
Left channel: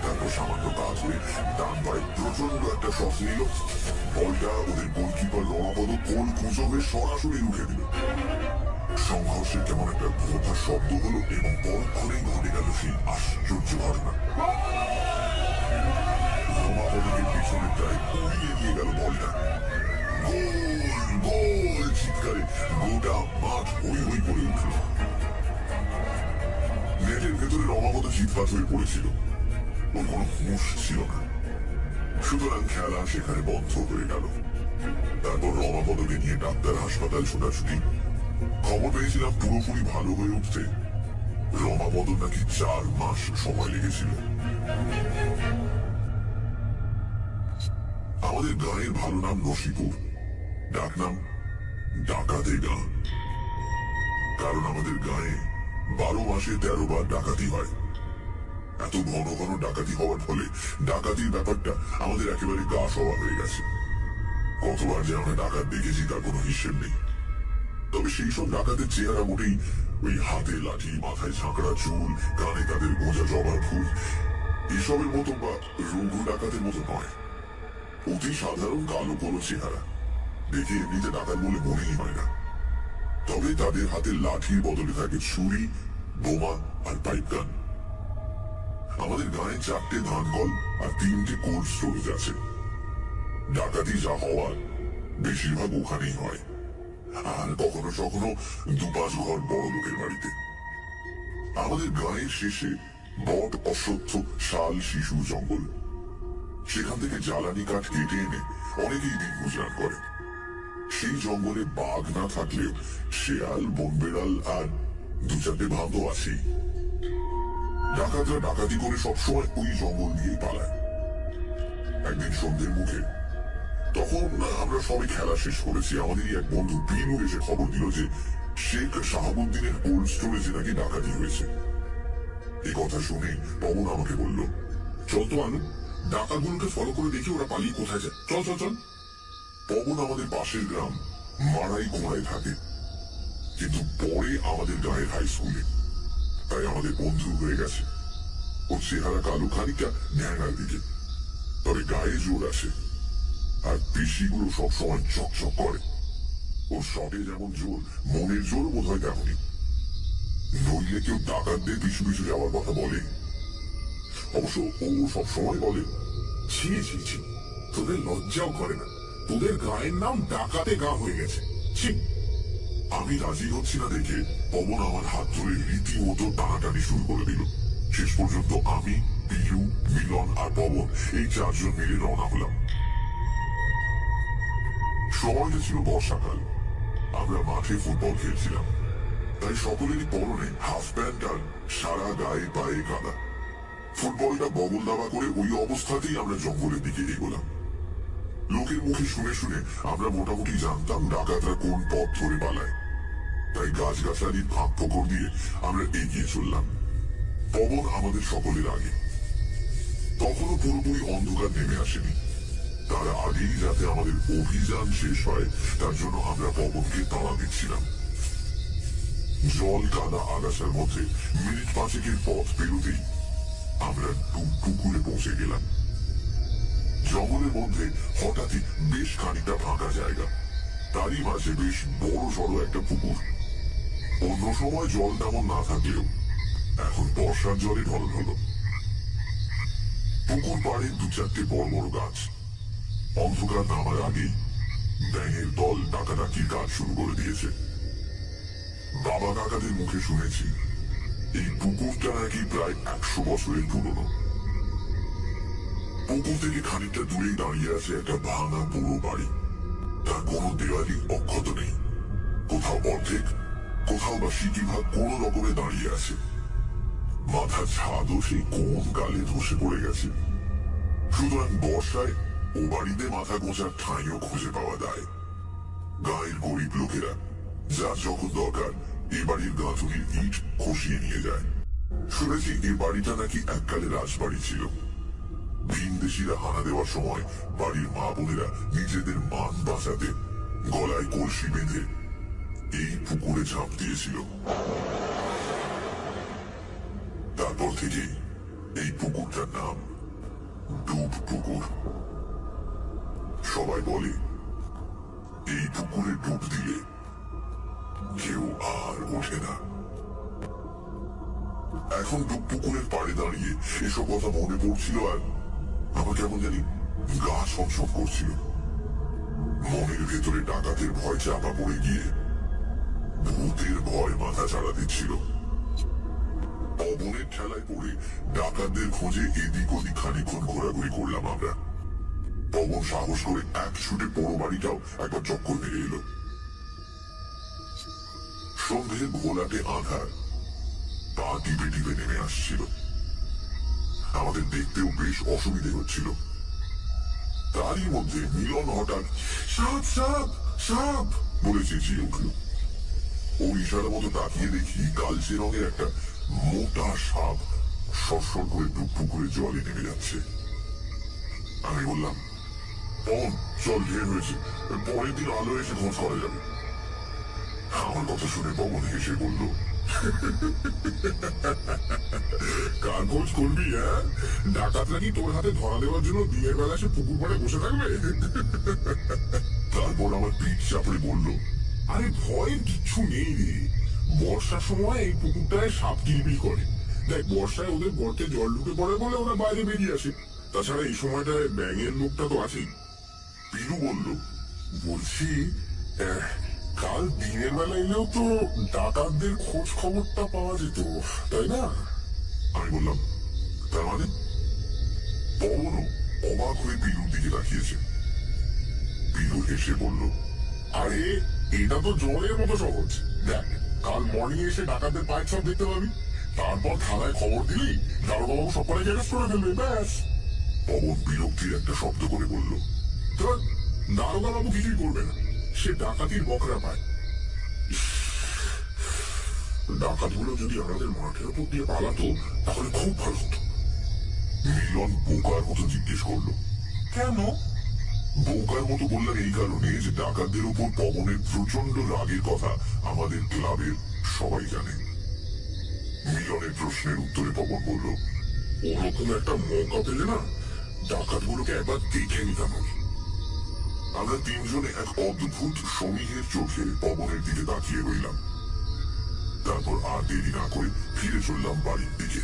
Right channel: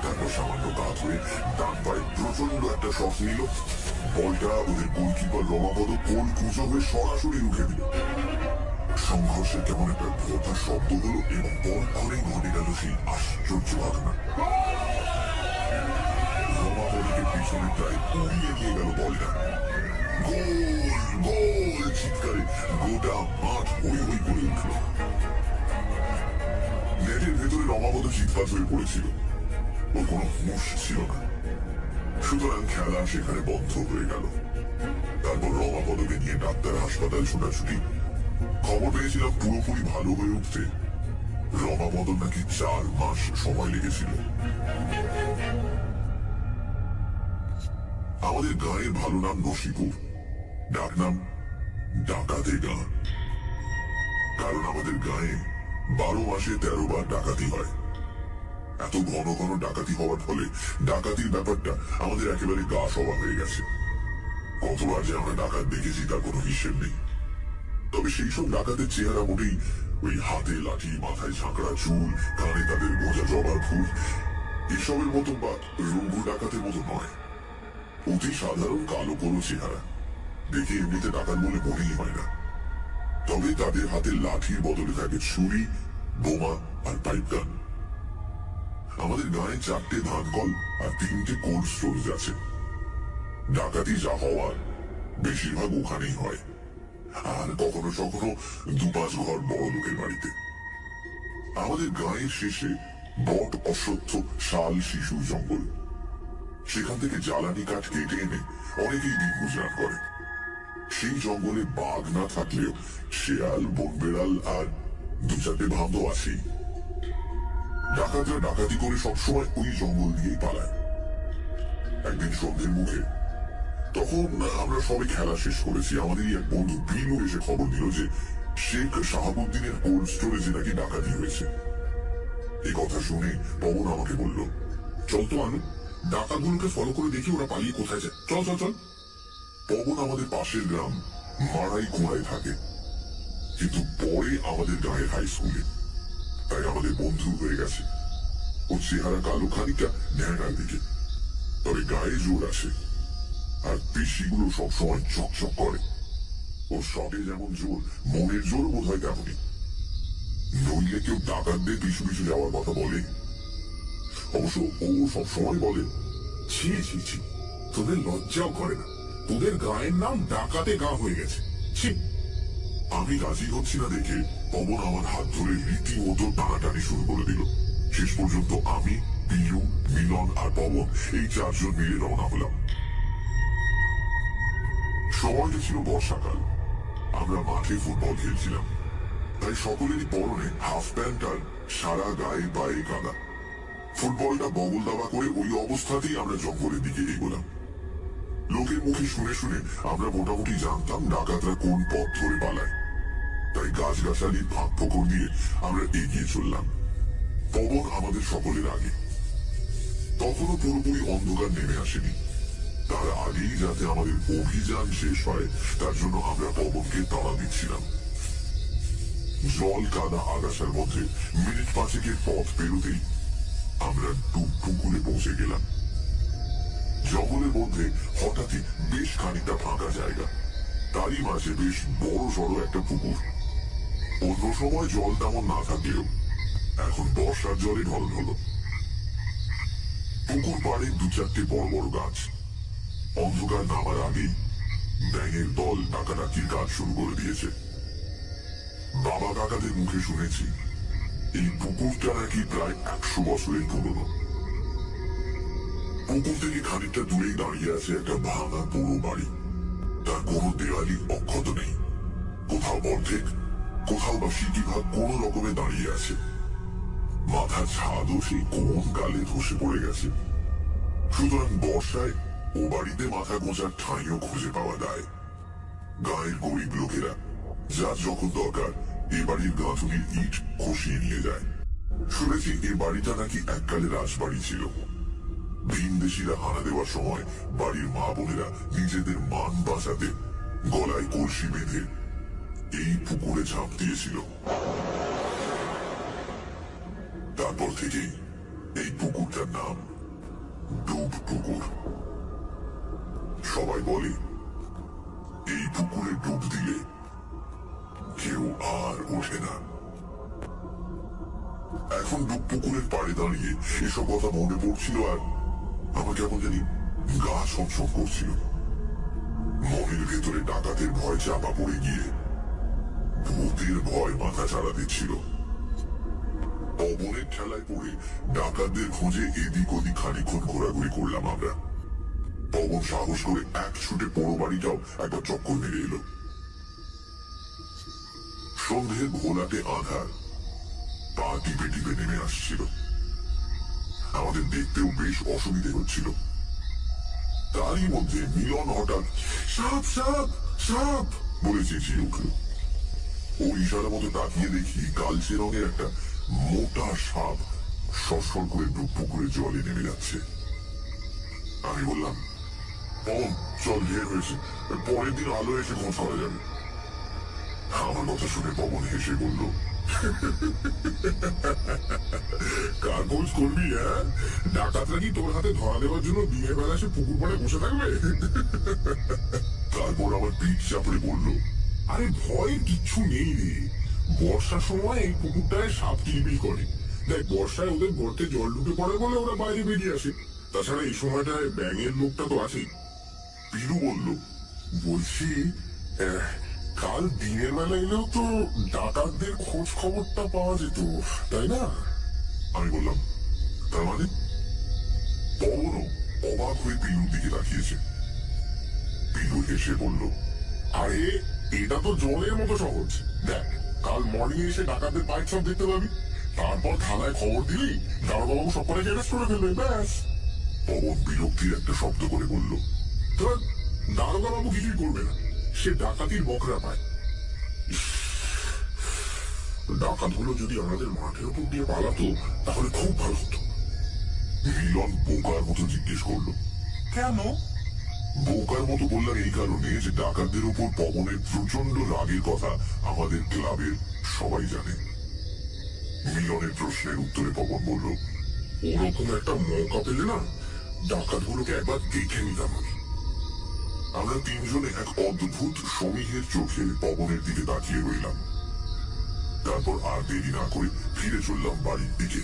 তারপর সামান্য কাজ হয়ে ডান পায়ে প্রচন্ড একটা শট নিল। বলটা ওদের গোলকিপার রমাপদ কোল কুঁজো হয়ে সরাসরি রুখে দিল। সংঘর্ষের কেমন একটা ভোঁতা শব্দ হলো এবং পরক্ষণেই ঘটে গেল সেই আশ্চর্য ঘটনা। রমাপদকে পিছনে প্রায় উড়িয়ে নিয়ে গেল বলটা। গোল গোল চিৎকারে গোটা মাঠ হই হই করে উঠল। নেটের ভেতরে রমাপদ চিৎপাত হয়ে পড়েছিল, ওর কোনো হুঁশ ছিল না। সুতরাং খেলা সেখানে বন্ধ হয়ে গেল। তারপর রমাপদকে নিয়ে ডাক্তার হাসপাতাল ছোটাছুটি। খবর পেয়েছিলাম পুরোপুরি ভালো হয়ে উঠতে রমাপদ নাকি 4 মাস সময় লেগেছিল। আমাদের গাঁয়ের ভালো নাম নসিপুর, ডাকনাম ডাকাতের গাঁ। কারণ আমাদের গাঁয়ে 12 মাসে 13 বার ডাকাতি হয়। এত ঘন ঘন ডাকাতি হওয়ার ফলে ডাকাতির ব্যাপারটা আমাদের একেবারে গা সওয়া হয়ে গেছে। কতবার যে আমরা ডাকাত দেখেছি তার কোনো হিসেব নেই। তবে সেই সব ডাকাতের চেহারা মোটেই ওই হাতে লাঠি, মাথায় ঝাঁকড়া চুল, কানে তাদের গোঁজা জবার ফুল এসবের মতো বা রঘু ডাকাতের মতো নয়। অতি সাধারণ কালো কোনো চেহারা, দেখে এমনিতে ডাকাত বলে মনেই হয় না। তবে তাদের হাতে লাঠির বদলে থাকে ছুরি, বোমা আর পাইপ গান। আমাদের গায়ে 4টে ধানকল আর 3টে কোল্ড স্টোরেজ আছে। ডাকাতি যা হওয়ার বেশিরভাগ ওখানেই হয়, আর কখনো কখনো 2-5 ঘর বড় লোকের বাড়িতে। আমাদের গায়ের শেষে বট, অশ্বত্থ, শাল, শিশুর জঙ্গল। সেখান থেকে জ্বালানি কাঠ কেটে এনে অনেকেই দিন গুজরান করে। সেই জঙ্গলে বাঘ না থাকলেও শেয়াল, বনবেড়াল আর 2-4টে ভাঁদ আছেই। ডাকাতরা ডাকাতি করে সবসময় ওই জঙ্গল দিয়েই পালায়। একদিন সন্ধ্যের মুখে, তখন আমরা সবে খেলা শেষ করেছি, আমাদেরই এক বন্ধু বিনু এসে খবর দিল যে শেখ শাহাবুদ্দিনের কোল্ড স্টোরেজে নাকি ডাকাতি হয়েছে। এই কথা শুনে পবন আমাকে বলল, চল তো আনু, ডাকাতগুলোকে ফলো করে দেখি ওরা পালিয়ে কোথায় যায়। চল চল চল। পবন আমাদের পাশের গ্রাম মারাই কোড়ায় থাকে, কিন্তু পরে আমাদের গায়ের হাই স্কুলে, তাই আমাদের বন্ধু হয়ে গেছে। ওর চেহারা কালো, খানিকটা ন্যাংরার দিকে, তবে গায়ে জোর আছে। আর পেশিগুলো সবসময় চকচক করে। ওর শটে যেমন জোর, মনের জোরও বোধ হয় তেমনই। নইলে কেউ ডাকাতদের পিছু পিছু যাওয়ার কথা বলে? অবশ্য ও সবসময় বলে, ছি ছি ছি, তোদের লজ্জাও করে না? তোদের গায়ের নাম ডাকাতে গা হয়ে গেছে। ছি। আমি রাজি হচ্ছি না দেখে পবন আমার হাত ধরে রীতিমতো টানাটানি শুরু করে দিল। শেষ পর্যন্ত আমি, পিলু, মিলন আর পবন এই চারজন মিলে রওনা হলাম। সময়টা ছিল বর্ষাকাল। আমরা মাঠে ফুটবল খেলছিলাম, তাই সকলেরই পরনে হাফ প্যান্ট আর সারা গায়ে পায়ে কাদা। ফুটবলটা বগল দাবা করে ওই অবস্থাতেই আমরা জঙ্গলের দিকে এগোলাম। লোকের মুখে শুনে শুনে আমরা মোটামুটি জানতাম ডাকাতরা কোন পথ ধরে পালায়, তাই গাছগাছালির ফাঁক ফোকর দিয়ে আমরা এগিয়ে চললাম। পবন আমাদের সকলের আগে। তখনও পুরোপুরি অন্ধকার নেমে আসেনি। তার আগেই যাতে আমাদের অভিযান শেষ হয় তার জন্য আমরা পবনকে তাড়া দিচ্ছিলাম। জল কাদা আগাছার মধ্যে মিনিট পাঁচেকের পথ পেরোতেই আমরা ডুব পুকুরে পৌঁছে গেলাম। জঙ্গলের মধ্যে হঠাৎই বেশ খানিকটা ফাঁকা জায়গা, তারই মাঝে বেশ বড় সড়ো একটা পুকুর। অন্য সময় জল তেমন না থাকলেও এখন বর্ষার জলে ঢল হলো। পুকুর পাড়ে দু চারটে বড় বড় গাছ। অন্ধকার নামার আগেই ব্যাঙের দল ডাকাডাকির কাজ শুরু করে দিয়েছে। বাবা কাকাদের মুখে শুনেছি এই পুকুরটা নাকি প্রায় 100 বছরের পুরনো। পুকুর থেকে খানিকটা দূরেই দাঁড়িয়ে আছে একটা ভাঙা পুরো বাড়ি। তার কোনো দেওয়ালি অক্ষত নেই, কোথাও অর্ধেক, কোথাও বা সিকিভাগ কোনো রকমে দাঁড়িয়ে আছে। মাথার ছাদও সেই কোন কালে ধসে পড়ে গেছে। সুতরাং বর্ষায় ও বাড়িতে মাথা গোঁজার ঠাঁইও খুঁজে পাওয়া যায়। গায়ের গরিব লোকেরা যার যখন দরকার এ বাড়ির গাঁথুনির ইট খসিয়ে নিয়ে যায়। শুনেছি এই বাড়িটা নাকি এককালে রাজবাড়ি ছিল। ভিনদেশীরা হানা দেওয়ার সময় বাড়ির মা বোনেরা নিজেদের মান বাঁচাতে গলায় কলসি বেঁধে এই পুকুরে ঝাঁপ দিয়েছিল। তারপর থেকেই এই পুকুরটার নাম ডুব পুকুর। সবাই বলে এই পুকুরে ডুব দিলে কেউ আর ওঠে না। এখন ডুব পুকুরের পাড়ে দাঁড়িয়ে এসব কথা মনে পড়ছিল আর আমার কেমন জানি গা ছমছম করছিল। মনের ভেতরে ডাকাতের ভয় চাপা পড়ে গিয়ে ভূতের ভয় মাথা চাড়া দিচ্ছিল। পবনের ঠেলায় পড়ে ডাকাতদের খোঁজে এদিক ওদিক খানিক্ষণ ঘোরাঘুরি করলাম আমরা। পবন সাহস করে এক ছুটে পোড়ো বাড়িটাও একবার চক্কর মেরে এলো। সন্ধ্যে ঘোলাটে আধার পা টিপে টিপে নেমে আসছিল। আমাদের দেখতেও বেশ অসুবিধে হচ্ছিল। তারই মধ্যে মিলন হঠাৎ সাপ সাপ সাপ বলে চেঁচিয়ে উঠল। ও ইশারা মতো তাকিয়ে দেখি কালচে রঙের একটা মোটা সাপ সরসর করে ডুব পুকুরে জলে নেমে যাচ্ছে। আমি বললাম, পবন চল, ঢের হয়েছে, পরের দিন আলো এসে খোঁজ করা যাবে। আমার কথা শুনে পবন হেসে বলল, কাগজ করবি? হ্যাঁ, ডাকাতরা কি তোর হাতে ধরা দেওয়ার জন্য দিনের বেলা সে পুকুর পাড়ে বসে থাকবে? তারপর আমার পিঠ চাপড়ে বলল, আরে ভয়ের কিচ্ছু নেই রে। বর্ষার সময় এই পুকুরটায় সাপ কিলবিল করে। দেখ, বর্ষায় ওদের গর্তে জল ঢুকে পড়ে বলে ওরা বাইরে বেরিয়ে আসে। তাছাড়া এই সময়টায় ব্যাঙের লোকটা তো আছেই। পিলু বলল, বলছি, কাল দিনের বেলা এলেও তো ডাকাতদের খোঁজ খবরটা পাওয়া যেত, তাই না? আমি বললাম, তার মানে? পবনও অবাক হয়ে পিলুর দিকে তাকিয়েছে। পিলু হেসে বলল, আরে এটা তো জলের মতো সহজ। দেখ, কাল মর্নিং এসে ডাকাতদের পাইপ সব দেখতে পাবি। তারপর থানায় খবর দিলি, দারোগা বাবু সব কটাকে অ্যারেস্ট করে ফেলবে, ব্যাস। পবন বিরক্তির একটা শব্দ করে বলল, ধর, দারোগা বাবু কিছুই করবে না, সে ডাকাতির বকরা পায়। ডাকাতগুলো যদি আমাদের মাঠের উপর দিয়ে পালাতো তাহলে খুব ভালো হতো। মিলন বোকার মতো জিজ্ঞেস করলো, কেন? বোকার মতো বললাম এই কারণে যে ডাকাতদের উপর পবনের প্রচন্ড রাগের কথা আমাদের ক্লাবের সবাই জানে। মিলনের প্রশ্নের উত্তরে পবন বলল, ওরকম একটা মৌকা পেলে না ডাকাতগুলোকে একবার দেখে নিতাম আমি। আমরা তিনজনে এক অদ্ভুত সমীহের চোখে পবনের দিকে তাকিয়ে রইলাম। তারপর আর দেরি না করে ফিরে চললাম বাড়ির দিকে।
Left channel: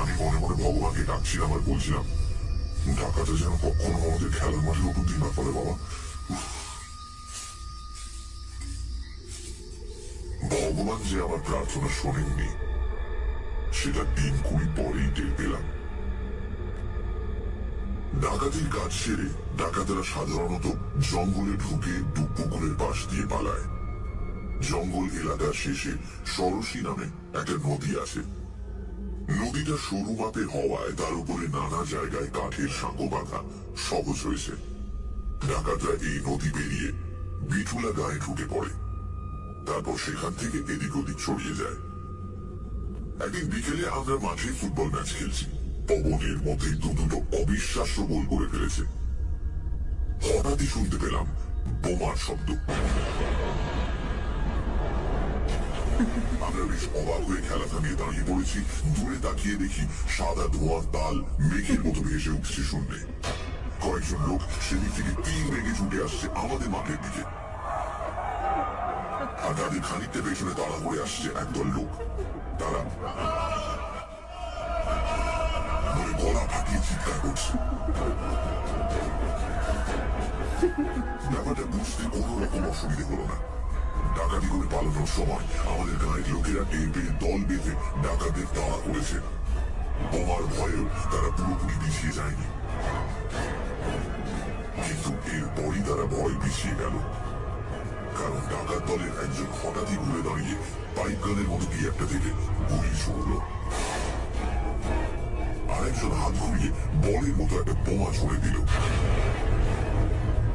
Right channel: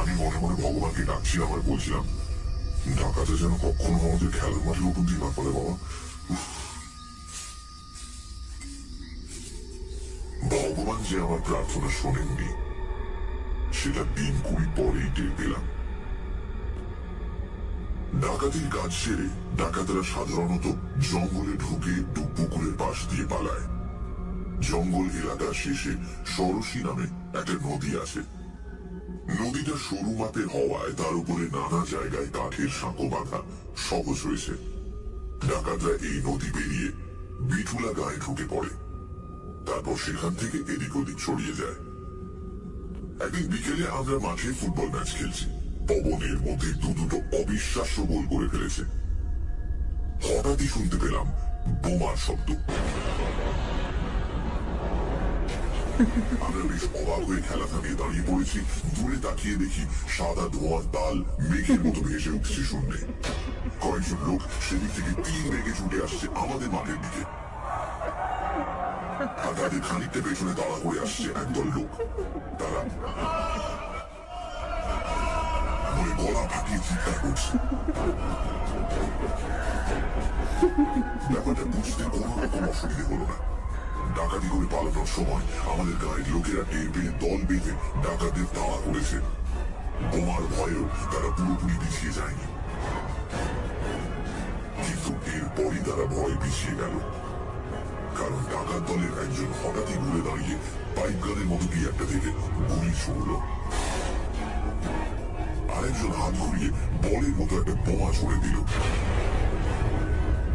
আমি মনে মনে ভগবানকে ডাকছিলাম আর বলছিলাম, ডাকাতে যেন কখনো আমাদের খেলার মাঠের উপর দিয়ে না পড়ে বাবা। ভগবান যে আমার প্রার্থনা শোনেননি সেটা দিন 20 পরেই টের পেলাম। ডাকাতির কাজ সেরে ডাকাতরা সাধারণত জঙ্গলে ঢুকে পুকুরের পাশ দিয়ে পালায়। জঙ্গল এলাকার শেষে সরসী নামে একটা নদী আছে। নদীটা সরু মাপের হওয়ায় তার উপরে নানা জায়গায় কাঠের সাঁকো বাঁধা সহজ হয়েছে। ডাকাতরা এই নদী পেরিয়ে বিঠুলা গায়ে ঢুকে পড়ে, তারপর সেখান থেকে এদিক ওদিক ছড়িয়ে যায়। একদিন বিকেলে আমরা মাঠে ফুটবল ম্যাচ খেলছি। পবনের মধ্যে দুটো অবিশ্বাস্য গোল করে ফেলেছে। হঠাৎই শুনতে পেলাম বোমার শব্দ। আমরা বেশ অবাক হয়ে খেলা থামিয়ে দাঁড়িয়ে পড়েছি। দূরে তাকিয়ে দেখি সাদা ধোঁয়ার তাল মেঘের মতো ভেসে উঠছে শূন্যে। কয়েকজন লোক সেদিক থেকে তীর বেগে ছুটে আসছে আমাদের মাঠের দিকে, আর তাদের খানিকটা পেছনে তাড়া করে আসছে একদল লোক। তারা গলা ফাটিয়ে চিৎকার করছে। ব্যাপারটা বুঝতে কোন রকম অসুবিধে হলো না। ডাকাতি করে পালানোর সময় আমাদের গায়ের লোকেরা টের পেয়ে দল বেঁধে ডাকাতদের তাড়া করেছে। বোমার ভয়েও তারা পুরোপুরি পিছিয়ে যায়নি, কিন্তু এরপরই তারা ভয় পিছিয়ে গেল। কারণ ডাকাত দলের একজন হঠাৎই ঘুরে দাঁড়িয়ে পাইপ গানের মতো কি একটা থেকে গুলি ছুড়ল। আরেকজন হাত ঘুরিয়ে বলের মতো একটা বোমা ছুড়ে দিল।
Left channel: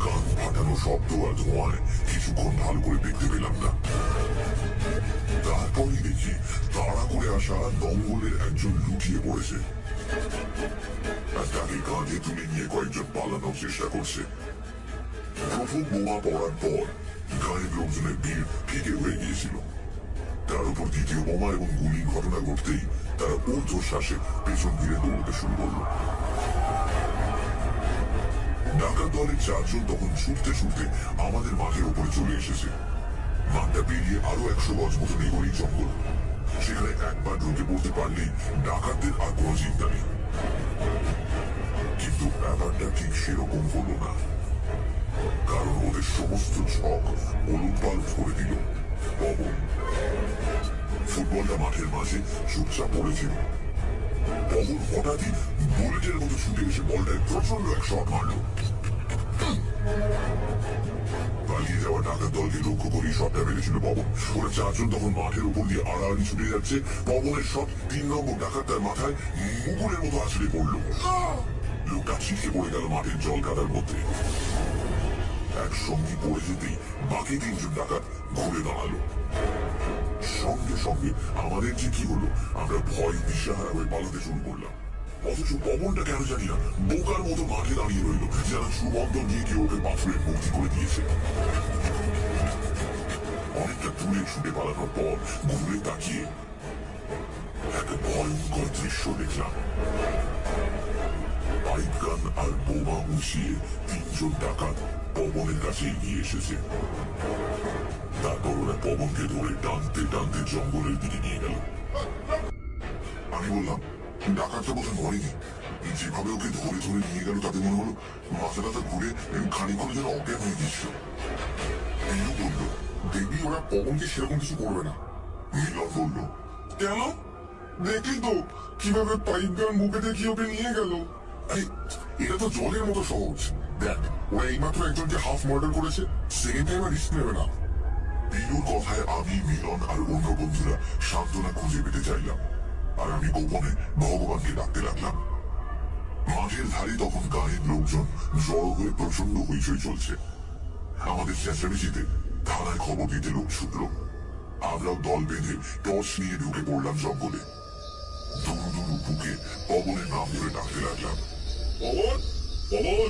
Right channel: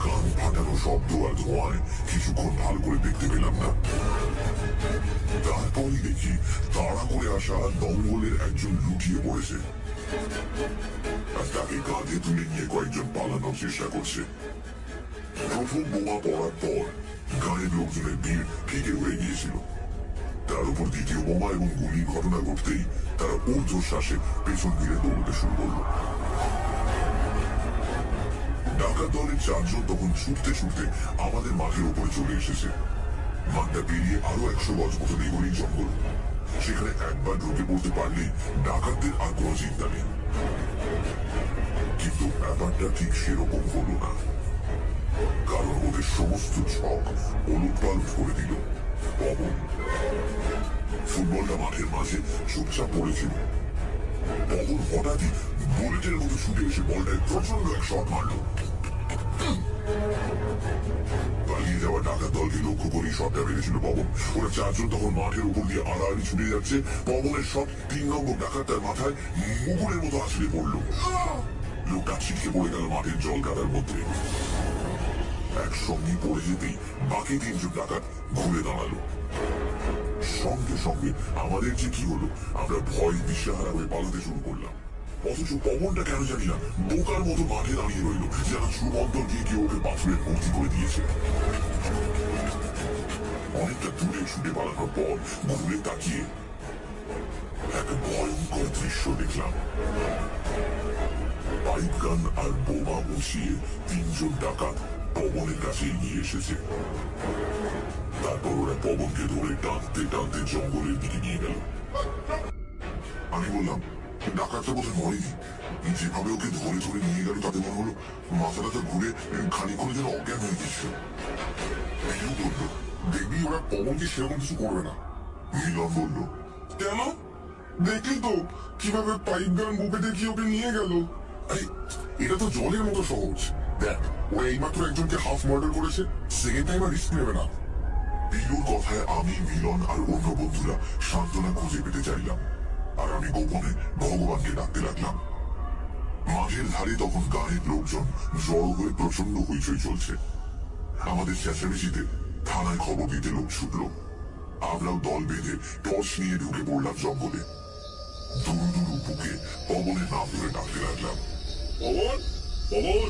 কান ফাটানো শব্দ আর ধোঁয়ায় কিছুক্ষণ ভালো করে দেখতে পেলাম না। তারপরই দেখি তাড়া করে আসা দঙ্গলের একজন লুটিয়ে পড়েছে, আর তাকে কাঁধে তুলে নিয়ে কয়েকজন পালানোর চেষ্টা করছে। প্রথম বোমা পড়ার পর গায়ের লোকজনের ভিড় ফিকে হয়ে গিয়েছিল। তার উপর দ্বিতীয় বোমা এবং গুলির ঘটনা ঘটতেই তারা ঊর্ধ্বশ্বাসে পেছন ফিরে দৌড়তে শুরু করল। ডাকাত দলের 4 জন তখন ছুটতে ছুটতে আমাদের মাঠের উপরে চলে এসেছে। মাঠটা পেরিয়ে আরো 100 গজ মতো এগোলেই জঙ্গল। সেখানে একবার ঢুকে পড়তে পারলেই ডাকাতদের আর কোনো চিন্তা নেই। কিন্তু ব্যাপারটা ঠিক সেরকম হলো না, কারণ ওদের সমস্ত ছক ওলটপালট করে দিল পবন। ফুটবলটা মাঠের মাঝে চুপচাপ পড়েছিল। পবন হঠাৎই বুলেটের মতো ছুটে এসে বলটায় প্রচন্ড এক শট মারল। পালিয়ে যাওয়া ডাকাত দলকে লক্ষ্য করেই শটটা মেরেছিল পবন। ওরা 4 জন তখন মাঠের উপর দিয়ে আড়াআড়ি ছুটে যাচ্ছে। পবনের শট 3 নম্বর ডাকাতটার মাথায় মুগুরের মতো আছড়ে পড়ল। লোকটা ছিটকে পড়ে গেল মাঠের জল কাদার মধ্যে। একসঙ্গে পড়ে যেতেই বাকি 3 জন ডাকাত ঘুরে দাঁড়ালো। সঙ্গে সঙ্গে আমাদের যে কি হলো, আমরা ভয় দিশেহারা হয়ে পালাতে শুরু করলাম। অথচ পবনটা কেন জানি না বোকার মতো মাঠে দাঁড়িয়ে রইল, যেন সুমন্তর গিয়ে কেউ ওকে পাথরের ভর্তি করে দিয়েছে। অনেকটা দূরে ছুটে পালানোর পর ঘুরে তাকিয়ে এক ভয়ঙ্কর দৃশ্য দেখলাম। পাইপ গান আর বোমা উঁচিয়ে 3 জন ডাকাত পবনের কাছে এগিয়ে এসেছে। তারপর ওরা পবনকে ধরে টানতে টানতে জঙ্গলের দিকে নিয়ে গেল। আমি বললাম, ডাকাতটা বোধহয় মরেনি। যেভাবে ওকে ধরে ধরে নিয়ে গেল তাতে মনে হলো মাথা টাথা ঘুরে খানিকক্ষণের জন্য অজ্ঞান হয়ে গেছিল। পিলু বলল, দেখবি ওরা পবনকে সেরকম কিছু করবে না। মিলন বলল, কেন? দেখলি তো কিভাবে পাইপ গান বুকে দেখিয়ে ওকে নিয়ে গেল। আরে এটা তো জলের মতো সহজ। দেখ, ওরা এইমাত্র একজনকে হাফ মার্ডার করেছে, সেকেন্ড টাইম আর রিস্ক নেবে না। পিলুর কথায় আমি, মিলন আর অন্য বন্ধুরা সান্ত্বনা খুঁজে পেতে চাইলাম, আর আমি গোপনে ভগবানকে ডাকতে লাগলাম। মাঠের ধারে তখন গায়ের লোকজন জড়ো হয়ে প্রচন্ড হইচই চলছে। আমাদের চেঁচামেচিতে থানায় খবর দিতে লোক ছুটল। আমরাও দল বেঁধে টর্চ নিয়ে ঢুকে পড়লাম জঙ্গলে। দুরু দুরু বুকে পবনের নাম ধরে ডাকতে লাগলাম, পবন, পবন,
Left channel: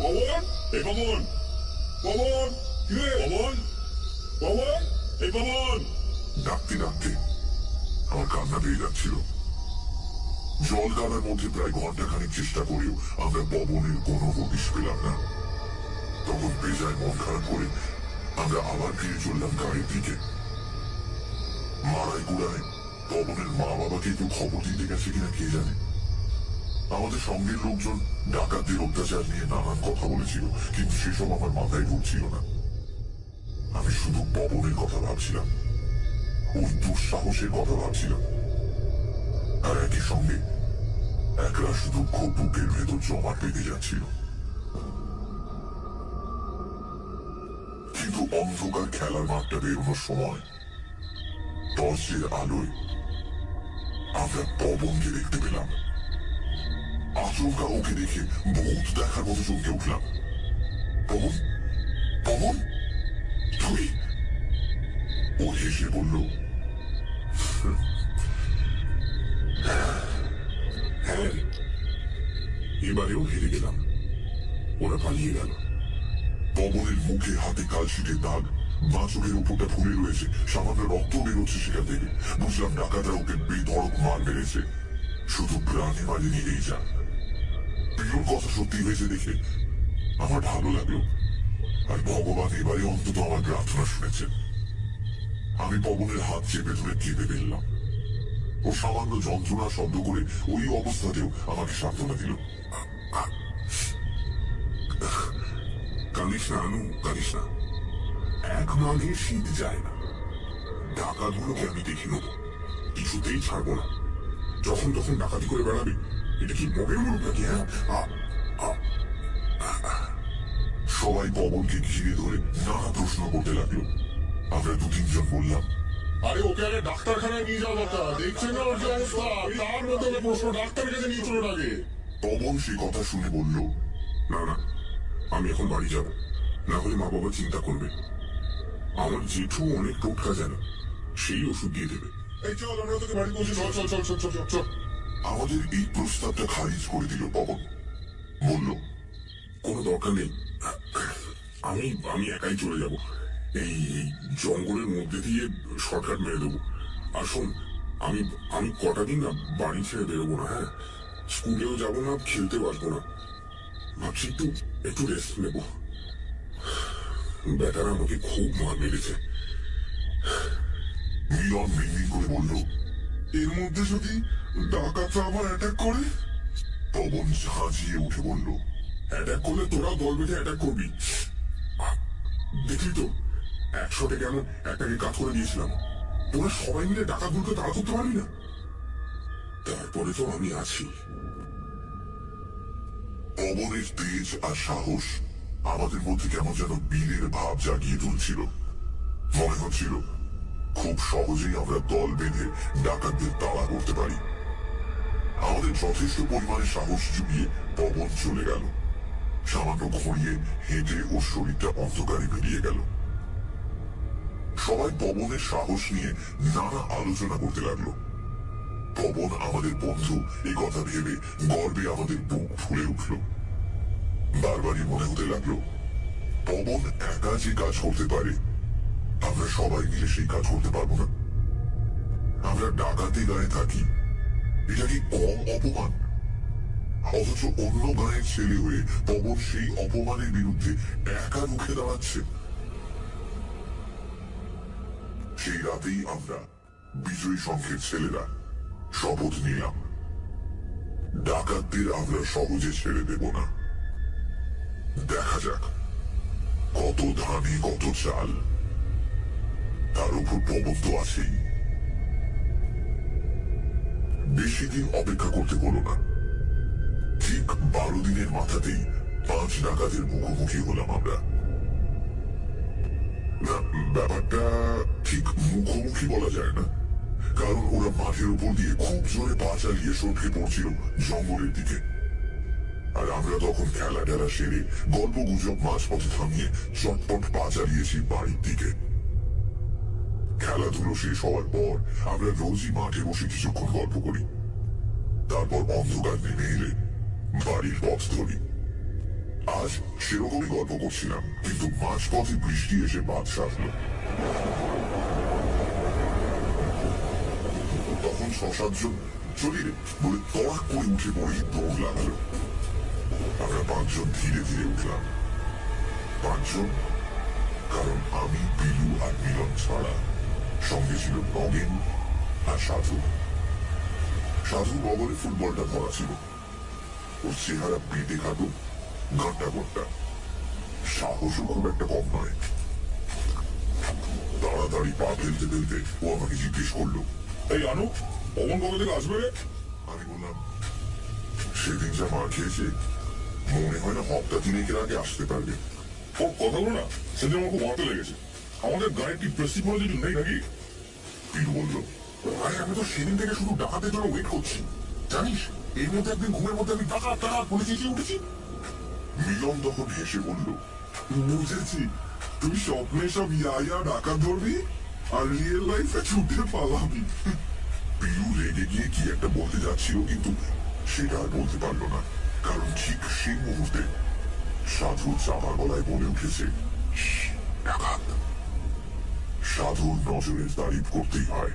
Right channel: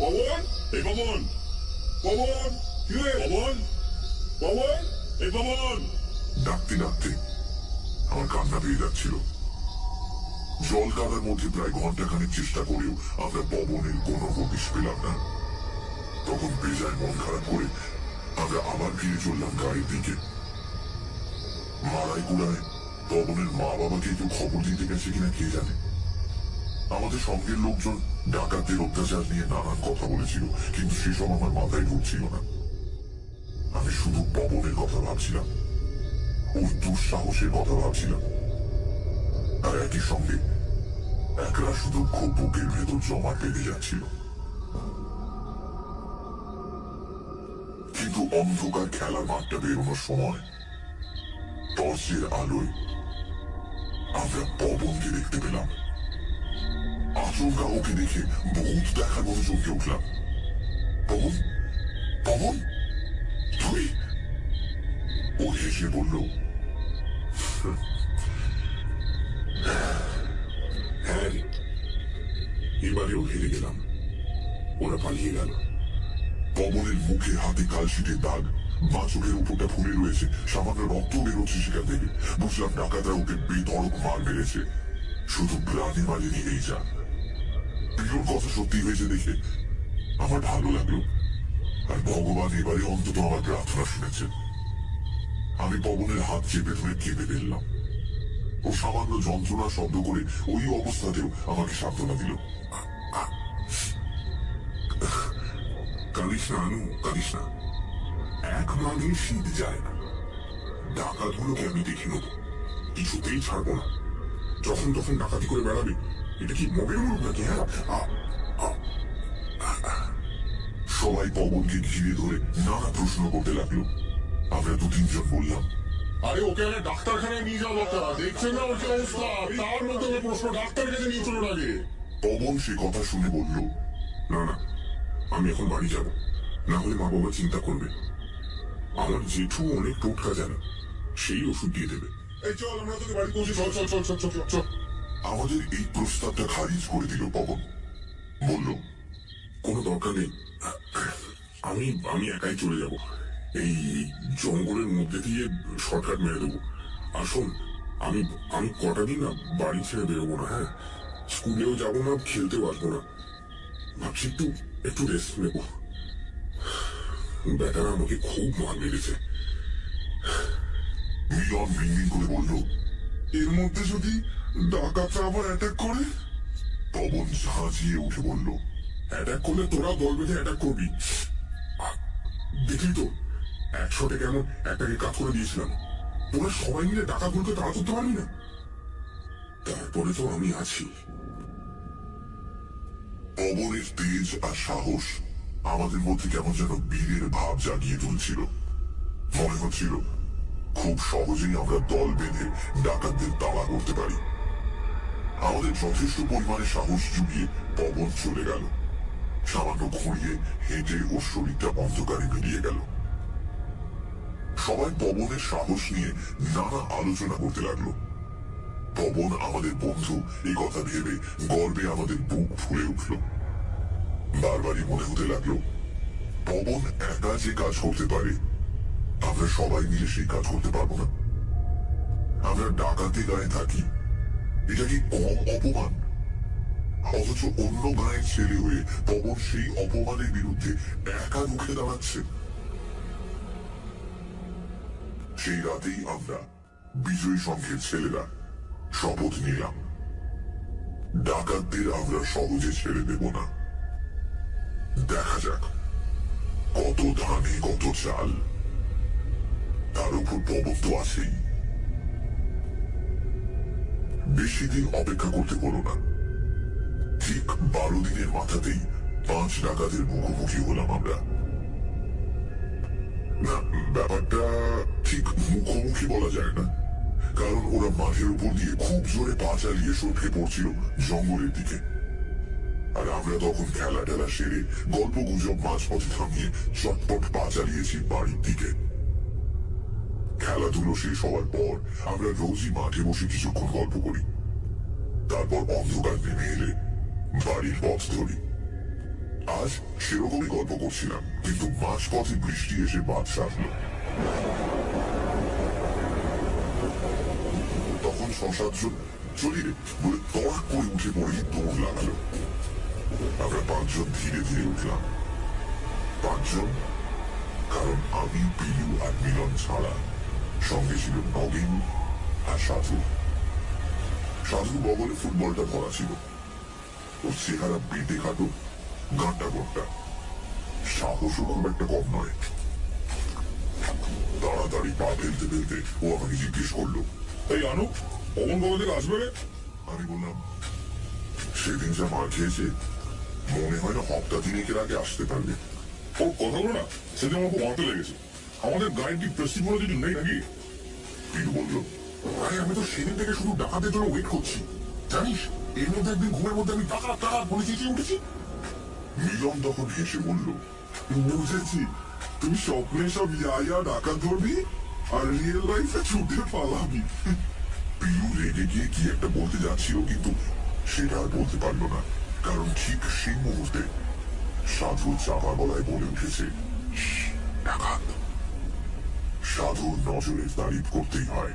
পবন, এই পবন, পবন, কিরে পবন, পবন, এই পবন। ডাকতে ডাকতে আমার কান্না পেয়ে যাচ্ছিল। জল কাদার মধ্যে প্রায় ঘন্টাখানেক চেষ্টা করেও আমরা পবনের কোনো হদিশ পেলাম না। তখন বেজায় মন খারাপ করে আমরা আবার ফিরে চললাম গাড়ির দিকে। মারাই গুড়ায় পবনের মা বাবাকে একটু খবর দিতে গেছে কিনা কে জানে। আমাদের সঙ্গের লোকজন ডাকাতদের অত্যাচার নিয়ে নানান কথা বলেছিল, কিন্তু সেসব আমার মাথায় ঢুকছিল না। আমি শুধু পবনের কথা ভাবছিলাম, ওই দুঃসাহসের কথা ভাবছিলাম, আর একই সঙ্গে একরাশ দুঃখ বুকের ভেতর জমাট বেঁধে যাচ্ছিল। কিন্তু অন্ধকার খেলার মাঠটা বেরোনোর সময় টর্চের আলোয় আমরা পবনকে দেখতে পেলাম। আচমকা ওকে দেখে ভূত দেখার মতো চমকে উঠলাম। পবন, পবন, তুই? ও হেসে বলল, হ্যাঁ রে, এবারেও হেরে গেলাম, ওরা পালিয়ে গেল। পবনের মুখে হাতে কালশিটের দাগ, বাঁ চোখের উপরটা ফুলে রয়েছে, সামান্য রক্ত বেরোচ্ছে সেখান থেকে। বুঝলাম ডাকাতরা ওকে বেধড়ক মার মেরেছে, শুধু প্রাণে মারেনি এই যা। পিলুর কথা সত্যি হয়েছে দেখে আমার ভালো লাগলো, আর ভগবান এবারে অন্তত আমার প্রার্থনা শুনেছেন। আমি পবনের হাত চেপে ধরে কেঁপে ফেললাম। ও সামান্য যন্ত্রণা শব্দ করে ওই অবস্থাতেও আমাকে সান্ত্বনা দিল। কাঁদিস না আনু, কাঁদিস না। এক মাঘে শীত যায় না। ডাকাতগুলোকে আমি দেখে নেব, কিছুতেই ছাড়বো না। যখন তখন ডাকাতি করে বেড়াবে, এটা কি মগের মুখ নাকি? হ্যাঁ, সবাই পবনকে ঘিরে ধরে নানা প্রশ্ন করতে লাগলো। আমরা দু তিনজন বললাম, আরে ওকে আগে ডাক্তারখানায় নিয়ে যাওয়া দরকার, দেখছেন না ওর কি অবস্থা? তার মধ্যে ওকে প্রশ্ন, ডাক্তার কাছে নিয়ে চলুন আগে। পবন সে কথা শুনে বলল, না না, আমি এখন বাড়ি যাব, না হলে মা বাবা চিন্তা করবে। আমার জেঠু অনেক টোটকা জানে, সেই ওষুধ দিয়ে দেবে। এই চল, আমরা তোকে বাড়ি পৌঁছে, চল চল চল চল চল চল। আমাদের এই প্রস্তাবটা খারিজ করে দিল পবন। বলল, কোনো দরকার নেই, আমি আমি একাই চলে যাব। এই জঙ্গলের মধ্যে দিয়ে শর্টকাট মেরে দেবো। আর শোন, আমি আমি কটা দিন না বাড়ি ছেড়ে বেরোবো না। হ্যাঁ, স্কুলেও যাবো না, খেলতেও আসবো না। ভাবছি একটু একটু রেস্ট নেবো। ব্যাটারা আমাকে খুব মার মেরেছে। মিলন মিনমিন করে বলল, এর মধ্যে যদি ডাকাতরা আবার অ্যাটাক করে? পবন ঝাঁঝিয়ে উঠে বলল, অ্যাটাক করলে তোরা দল বেঁধে অ্যাটাক করবি। দেখলি তো একশোটে কেমন একটাকে কাজ করে দিয়েছিলাম। তোরা সবাই মিলে ডাকাতগুলোকে তাড়া করতে পারবি না? তারপরে তো আমি আছি। পবনের তেজ আর সাহস আমাদের মধ্যে কেমন যেন বীরের ভাব জাগিয়ে তুলছিল। মনে হচ্ছিল খুব সহজেই আমরা দল বেঁধে ডাকাতদের তাড়া করতে পারি। আমাদের যথেষ্ট পরিমাণে সাহস জুগিয়ে পবন চলে গেল। সামান্য ঘুরিয়ে হেঁটে ওর শরীরটা অন্ধকারে মিলিয়ে গেল। সবাই পবনের সাহস নিয়ে নানা আলোচনা করতে লাগলো। পবন আমাদের বন্ধু এই কথা ভেবে গর্বে আমাদের বুক ফুলে উঠল। বারবারই মনে হতে লাগলো, পবন একা যে কাজ করতে পারে, আমরা সবাই মিলে সেই কাজ করতে পারবো না? আমরা ডাকাতি গায়ে থাকি, এটা কি কম অপমান? অথচ অন্য গায়ের ছেলে হয়ে পবন সেই অপমানের বিরুদ্ধে একা রুখে দাঁড়াচ্ছে। সেই রাতেই আমরা বিজয়ী সংঘের ছেলেরা শপথ নিলাম, ডাকাতদের আমরা সহজে ছেড়ে দেব না। দেখা যাক কত ধানে কত চাল, তার উপর পবন তো আছেই। বেশি দিন অপেক্ষা করতে হলো না। ঠিক 12 দিনের মাথাতেই 5 ডাকাতের মুখোমুখি হলাম আমরা। না, ব্যাপারটা ঠিক মুখোমুখি বলা যায় না, কারণ ওরা মাঠের উপর দিয়ে খুব জোরে পা চালিয়ে সটকে পড়ছিল জঙ্গলের দিকে। আর আমরা তখন খেলা টেলা সেরে গল্প গুজব মাঝপথে থামিয়ে চটপট পা চালিয়েছি বাড়ির দিকে। খেলাধুলো শেষ হওয়ার পর আমরা রোজই মাঠে বসে কিছুক্ষণ গল্প করি, তারপর অন্ধকার নেমে এলে বাড়ির পথ ধরি। আজ সেরকমই গল্প করছিলাম, কিন্তু মাঝপথে বৃষ্টি এসে বাদ সাধল। তখন 6-7 জন চলি রে বলে তড়াক করে উঠে পড়েই দৌড় লাগালো। আমরা পাঁচজন ধীরে ধীরে উঠলাম। পাঁচজন, কারণ আমি, বিলু আর মিলন ছাড়া সঙ্গে ছিল নগেন আর সাধু। সাধুর বগলে ফুটবলটা ধরা ছিল। ওর চেহারা বেটে খাটো, গাঁটা গোটা, সাহসও খুব একটা কম নয়। তাড়াতাড়ি পা ফেলতে ফেলতে ও আমাকে জিজ্ঞেস করলো, এই আনু, অমন কবে থেকে আসবে রে? আমি বললাম, সেদিন যা মার খেয়েছে মনে হয় না হপ্তা তিনেকের আগে আসতে পারবে। ওর কথাগুলো না সেদিন আমার খুব মাথা লেগেছে। আমাদের গায়ে কি প্রেস্টিজ বলে কিছু নেই নাকি? পিলু বলল, আরে আমি তো সেদিন থেকে শুধু ডাকাতের জন্য ওয়েট করছি, জানিস? এর মধ্যে একদিন ঘুমের মধ্যে আমি ডাকাত ডাকাত বলে চেঁচিয়ে উঠেছি। মিলন তখন হেসে বলল, বুঝেছি, তুই স্বপ্নে সব ইয়া ডাকাত ধরবি আর রিয়েল লাইফে ছুটে পালাবি। পিলু রেগে গিয়ে কি একটা বলতে যাচ্ছিল, কিন্তু সেটা আর বলতে পারলো না, কারণ ঠিক সেই মুহূর্তে সাধু চাপা গলায় বলে উঠেছে, ডাকাত। সাধুর নজরের তারিফ করতেই হয়।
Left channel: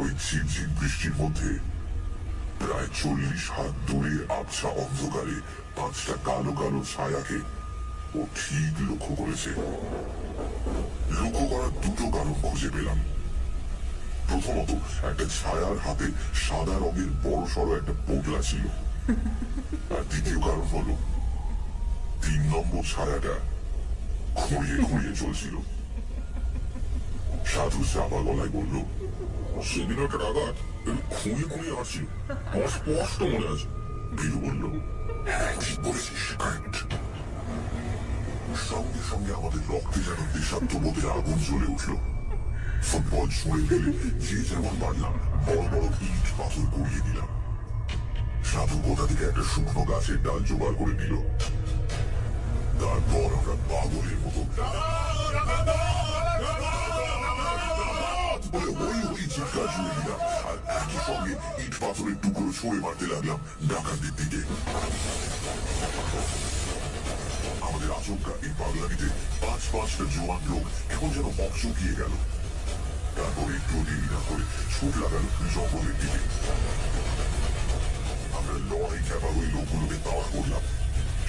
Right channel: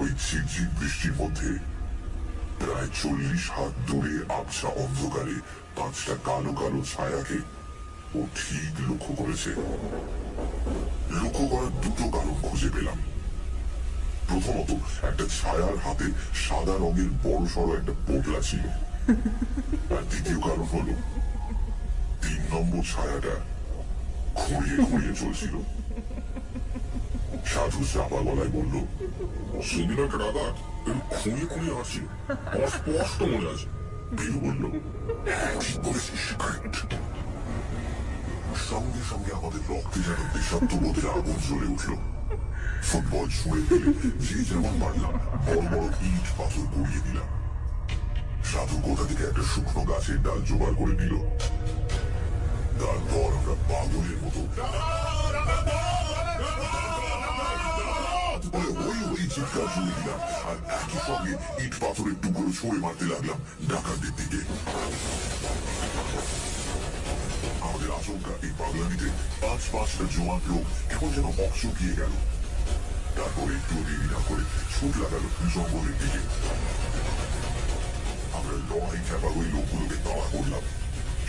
ওই ঝিরঝির বৃষ্টির মধ্যে প্রায় 40 হাত দূরে আবছা অন্ধকারে 5টা কালো কালো ছায়াকে ও ঠিক লক্ষ্য করেছে। লক্ষ্য করার দুটো কারণ খুঁজে পেলাম। প্রথমত, একটা ছায়ার হাতে সাদা রঙের বড় সড়ো একটা পোটলা ছিল। আর দ্বিতীয় কারণ হলো 3 নম্বর ছায়াটা খুঁড়িয়ে খুঁড়িয়ে চলছিল। সাধু চাপা গলায় বলল, সেদিন একটা ডাকাত একটু খুঁড়িয়ে খুঁড়িয়ে হাসছিল, আমার স্পষ্ট মনে আছে। বিলু বলল, হ্যাঁ ঠিক বলেছিস, কারেক্ট। সঙ্গে সঙ্গে আমাদের রক্তে যেন দেশাত্মবোধের আগুন জ্বলে উঠল। ফুটবল ছুঁড়ে ফেলে যে যেমন পারলাম বড় বড় ইট পাথর কুড়িয়ে দিলাম। সাধু কোথা থেকে একটা শুকনো গাছের ডাল জোগাড় করে নিল। তারপর আমরা পাগলের মতো বলে হই হই চিৎকার জুড়ে দিলাম, আর একই সঙ্গে ইট পাথরের টুকরো ছুঁড়ে মারতে লাগলাম ডাকাতদের দিকে। আমাদের আচমকা এই পাগলামিতে 5-5টা জোয়ান লোক কেমন যেন চুকিয়ে গেল। তারপরে একটু দেরি না করে ছুট লাগালো জঙ্গলের দিকে। আমরা লড়াই চাপা ওই লোকগুলোকে তাড়া করলাম।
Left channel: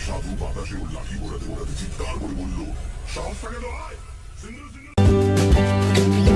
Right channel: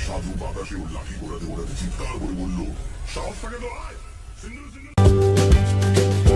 সাধু বাতাসে ওর লাঠি ঘোরাতে ঘোরাতে চিৎকার করে বলল, সাহস থাকে তো আয়, সিঙ্গেল সিঙ্গেল।